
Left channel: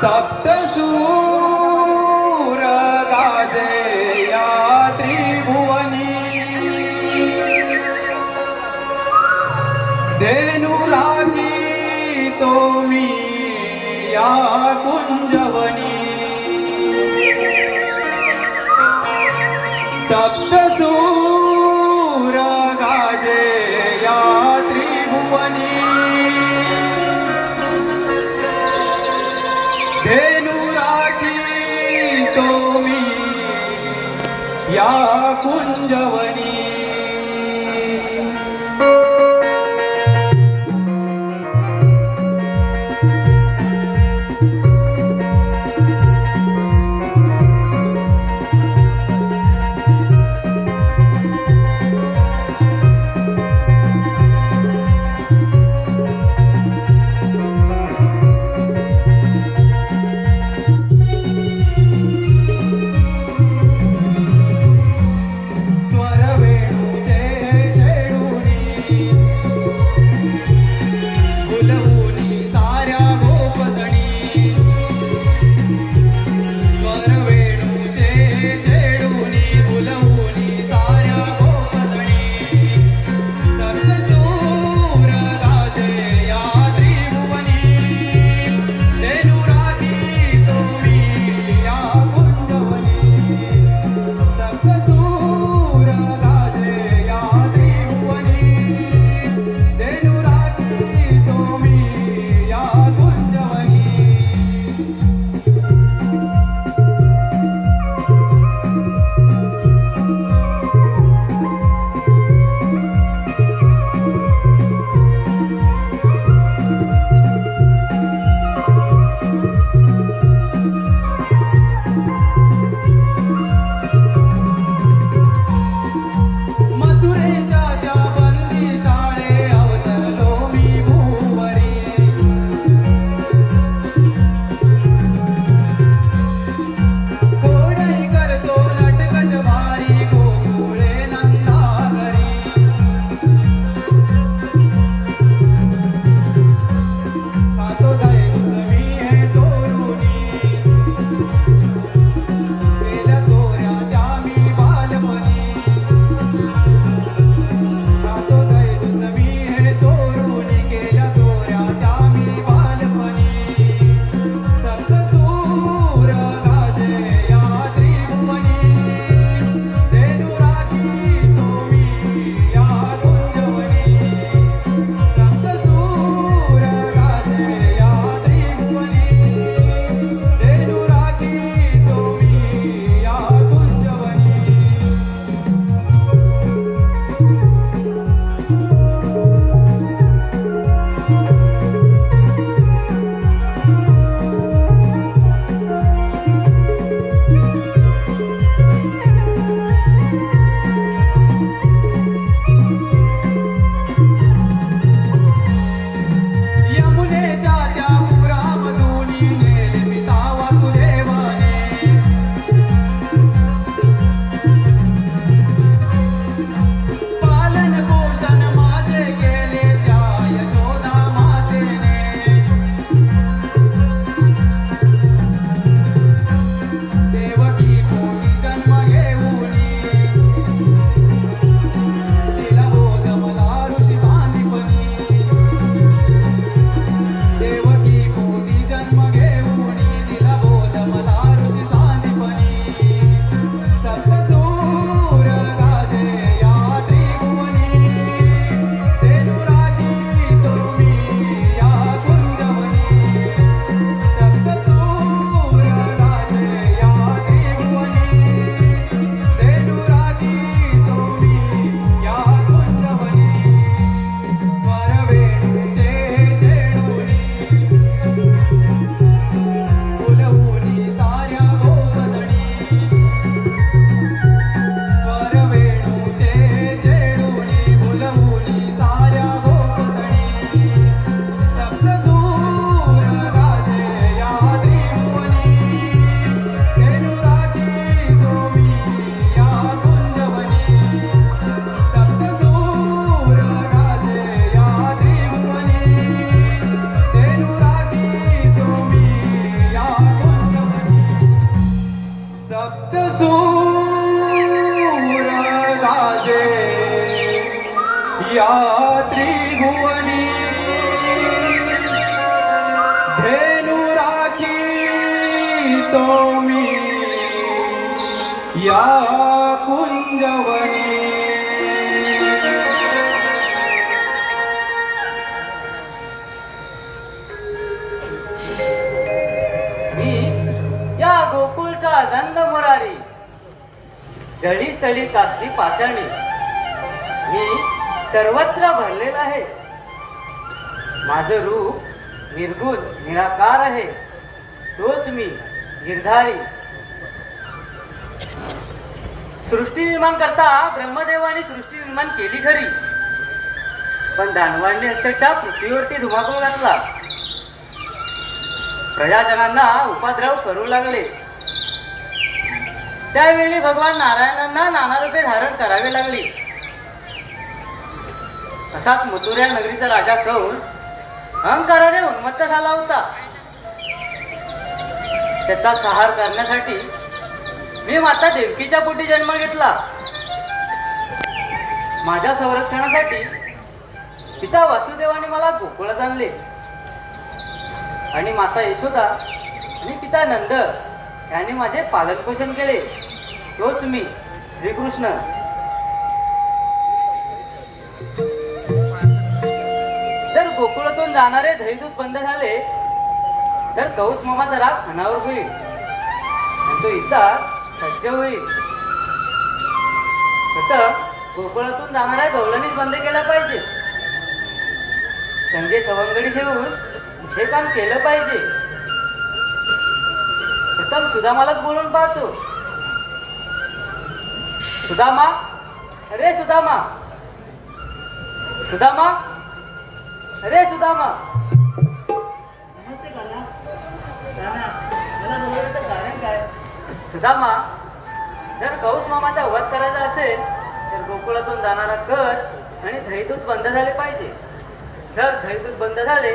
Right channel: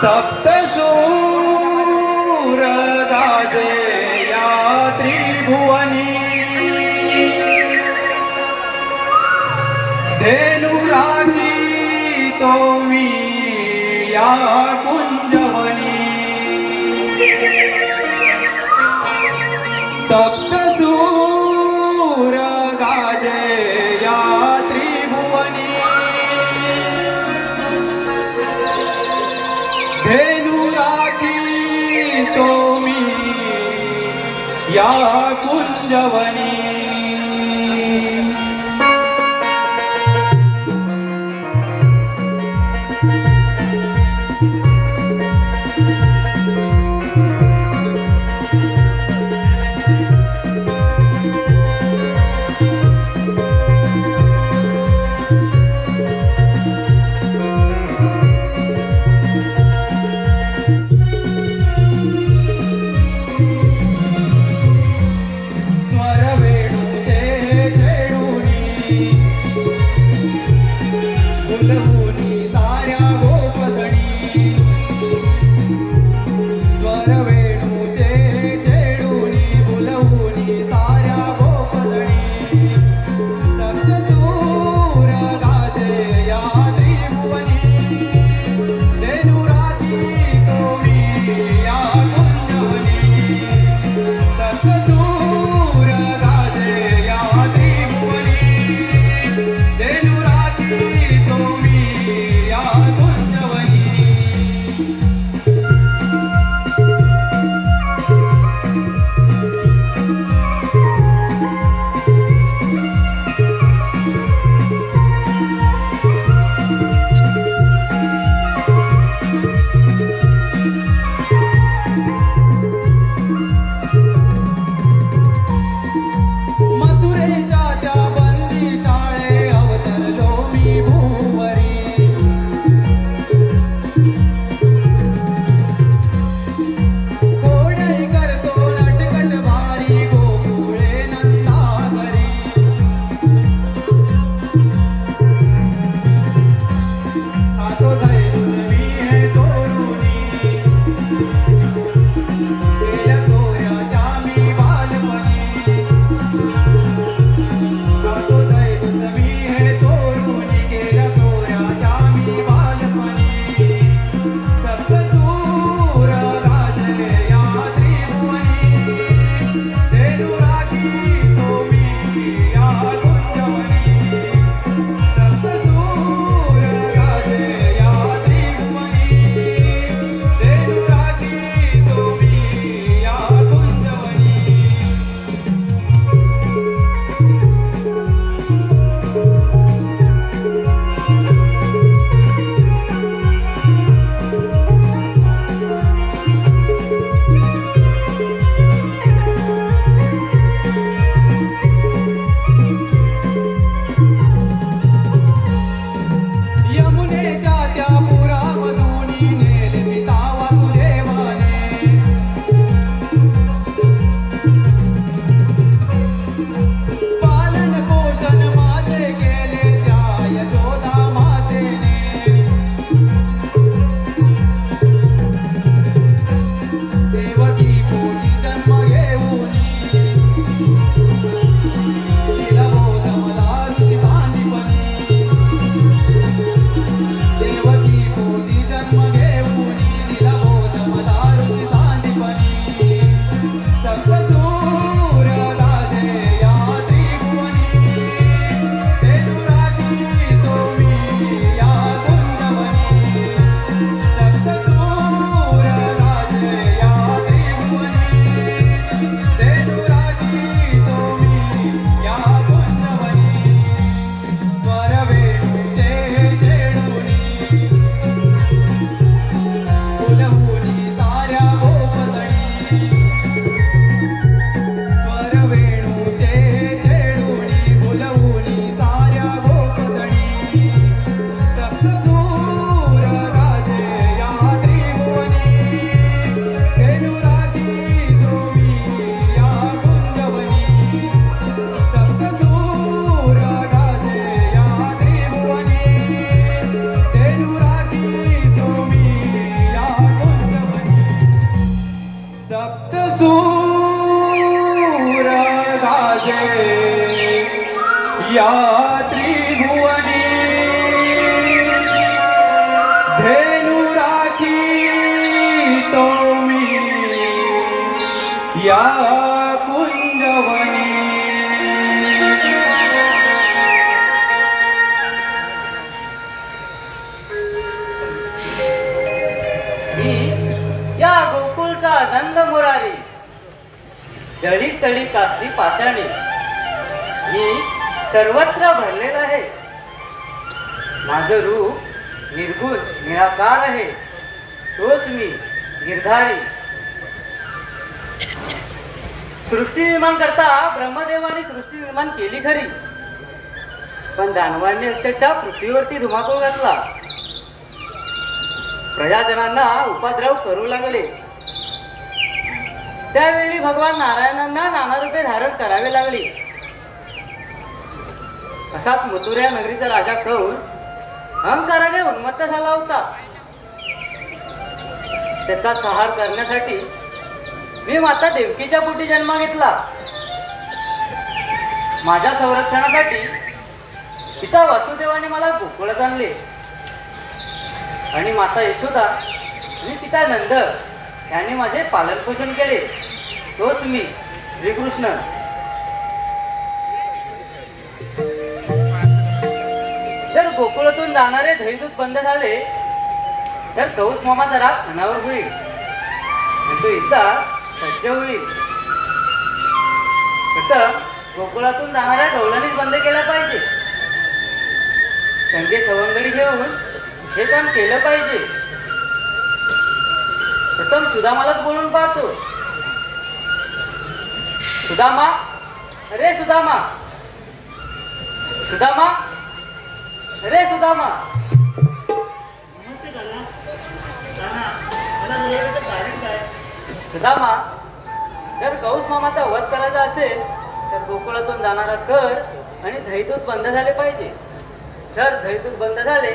सप्तसूर गाजे या त्रिभुवनी धेनु राखी तो मी या कुंजवनी सप्तसूर गाजे या त्रिभुवनी धेनु राखी तो मी या कुंजवनी स्वरवे त्रिभुवनी धेनु राखी तो मी या कुंजवनी. मी या गोकुळचा आनंद मुरारी, जळी स्थळी काष्टी पाषाणी, मी सर्वत्र भरलेला आहे. माझं रूप निर्गुण निराकार आहे, तोच मी गिरधारी. सृष्टी निर्माण करता ब्रह्मदेवाने सृष्टी निर्माण केली खरी, पण दानवांनी अक्षरशः पृथ्वीवरती धुमाकूळ घातला. प्रजाजनांना उपद्रव करू लागले. त्यावेळी भगवान नारायणांना नाना रूपे धारण करावे लागली. असाच मथुरा नगरीचा राजा कंस अहंकाराने उन्मत्त झाला होता. त्याचा संहार करण्यासाठी मी माता देवकीच्या पोटी जन्म घेतला. माझ्या संरक्षणासाठी पिता वासुदेवाने मला गोकुळात आणले आणि माता यशोदा आणि पिता नंद यांनी माझे पालनपोषण केले. तोच मी श्रीकृष्ण. जर गोकुळातून जाणारे दैवदूत बंद झाले तर कंस मामाचा राग अनावर होईल आणि तो एकदा सज्ज होईल. फक्त गोकुळातून जाणाऱ्या गवळणीच बंद केला पाहिजे. संगे सवंगडी घेऊन हे काम केलं पाहिजे. प्रथम सुदामालाच बोलून पाहतो. सुदामा, अरे सुदामा, सुदामा, अरे सुदामा. नमस्ते काना. काना, मला बोलावण्याचं कारण काय? सुदामा, जर गौस मामाचा वध करायचा असेल तर गोकुळातून जाणारा कर आणि दैदूत बंद झाले पाहिजे. जर दैदूत बंद झाले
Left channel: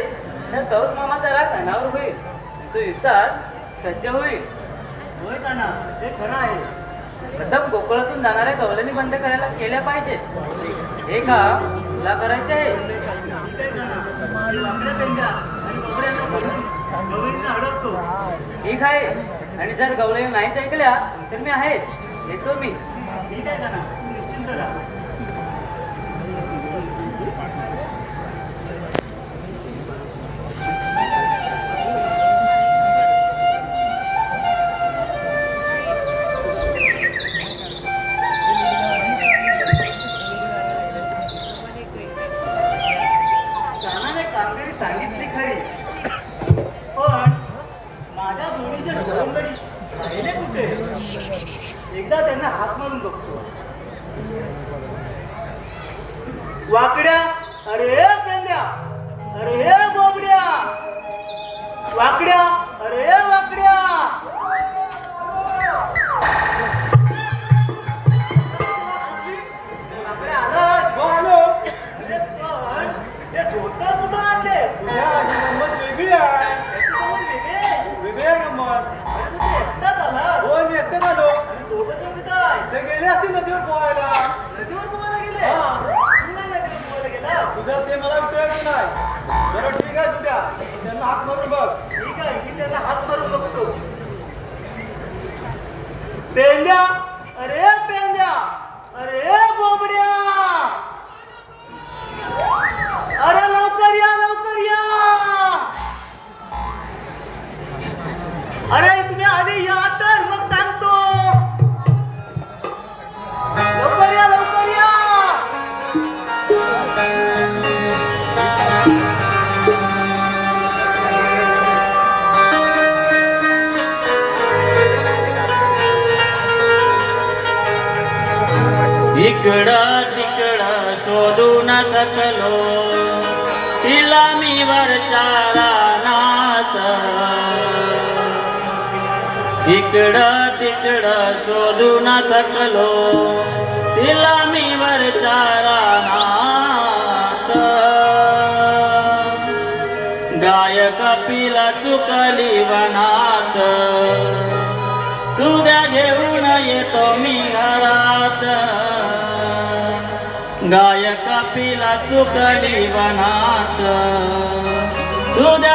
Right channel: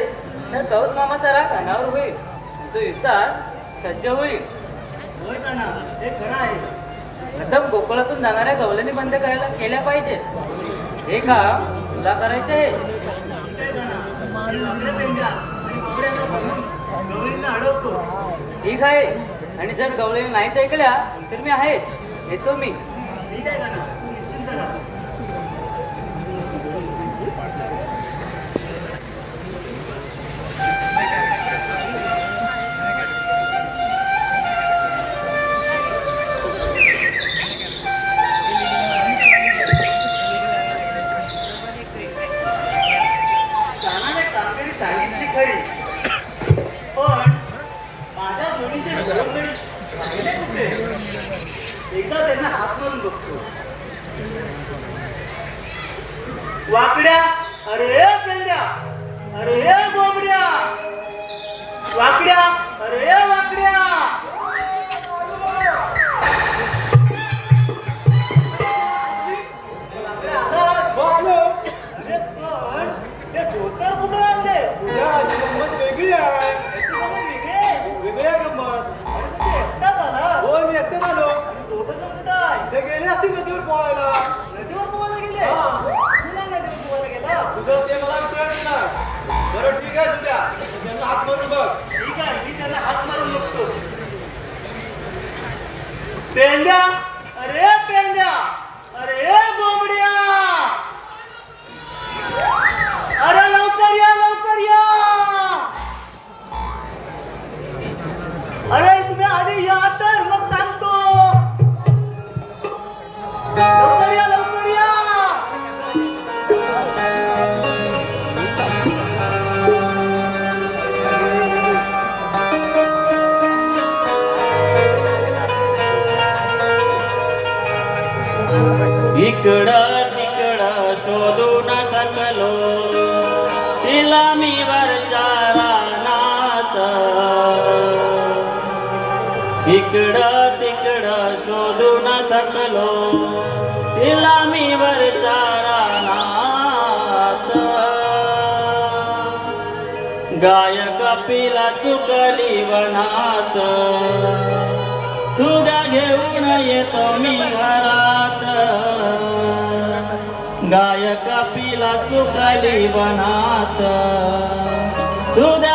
तर गौस मामाचा राग अनावर होईल, तो युद्धात सज्ज होईल. होय काना, हे खरं आहे. प्रथम गोकुळातून जाणाऱ्या गवळणी बंद करायला केल्या पाहिजे. हे काम तुला करायचे आहे. ठीक आहे काना. मी वाकड्या पेंड्या आणि बाबड्यांना बोलून गवळींना अडवतो. ठीक आहे. आणि जर गवळणी नाहीच ऐकल्या तर मी आहेच, येतो मी. ठीक आहे काना, तू निश्चिंत राहा. कानाने कामगिरी सांगितली खरी, पण माझ्या जोडीचे सवंगडी राहिले कुठे? एकदा त्यांना हात मारून बघतो. वाकड्या, अरे पेंड्या, अरे बोबड्या, वाकड्या, अरे वाकड्या. वाकड्या आलात? हो आलो. अरे पण हे धोतर कुठं आणले? गंमत वेगळी आहे. वेगळी आहे गंमत. अरे तुम्ही एकटाच आलात? हो, मी एकटाच आलो. आणि दोघं जण कुठं आहे? ते गेले असतील नदीवर पोहायला. नदीवर पोहायला गेले? तुम्ही नाही नदीवर पोहायला गेला? तुझं ते मला विचारायचं नाही. बरं ठीक आहे, तुझ्या त्यांना हात मारून बघ. ठीक आहे, मी त्यांना हात मारून बघतो. पेंड्या, अरे पेंड्या, अरे बोबड्या, अरे लवकर या, लवकर या. अरे तुम्ही आधी या तर मग सांगतो. लवकर या, लवकर या. इकडं तिकडं शोधून थकलो, तिला मी वरच्या रानात. इकडं तिकडं शोधून थकलो, तिला मी वरच्या रानात. गाय कपिला चुकली वनात, सुद्या घेऊन येतो मी घरात. गाय कपिला कपिला चुकली वनात सुद्या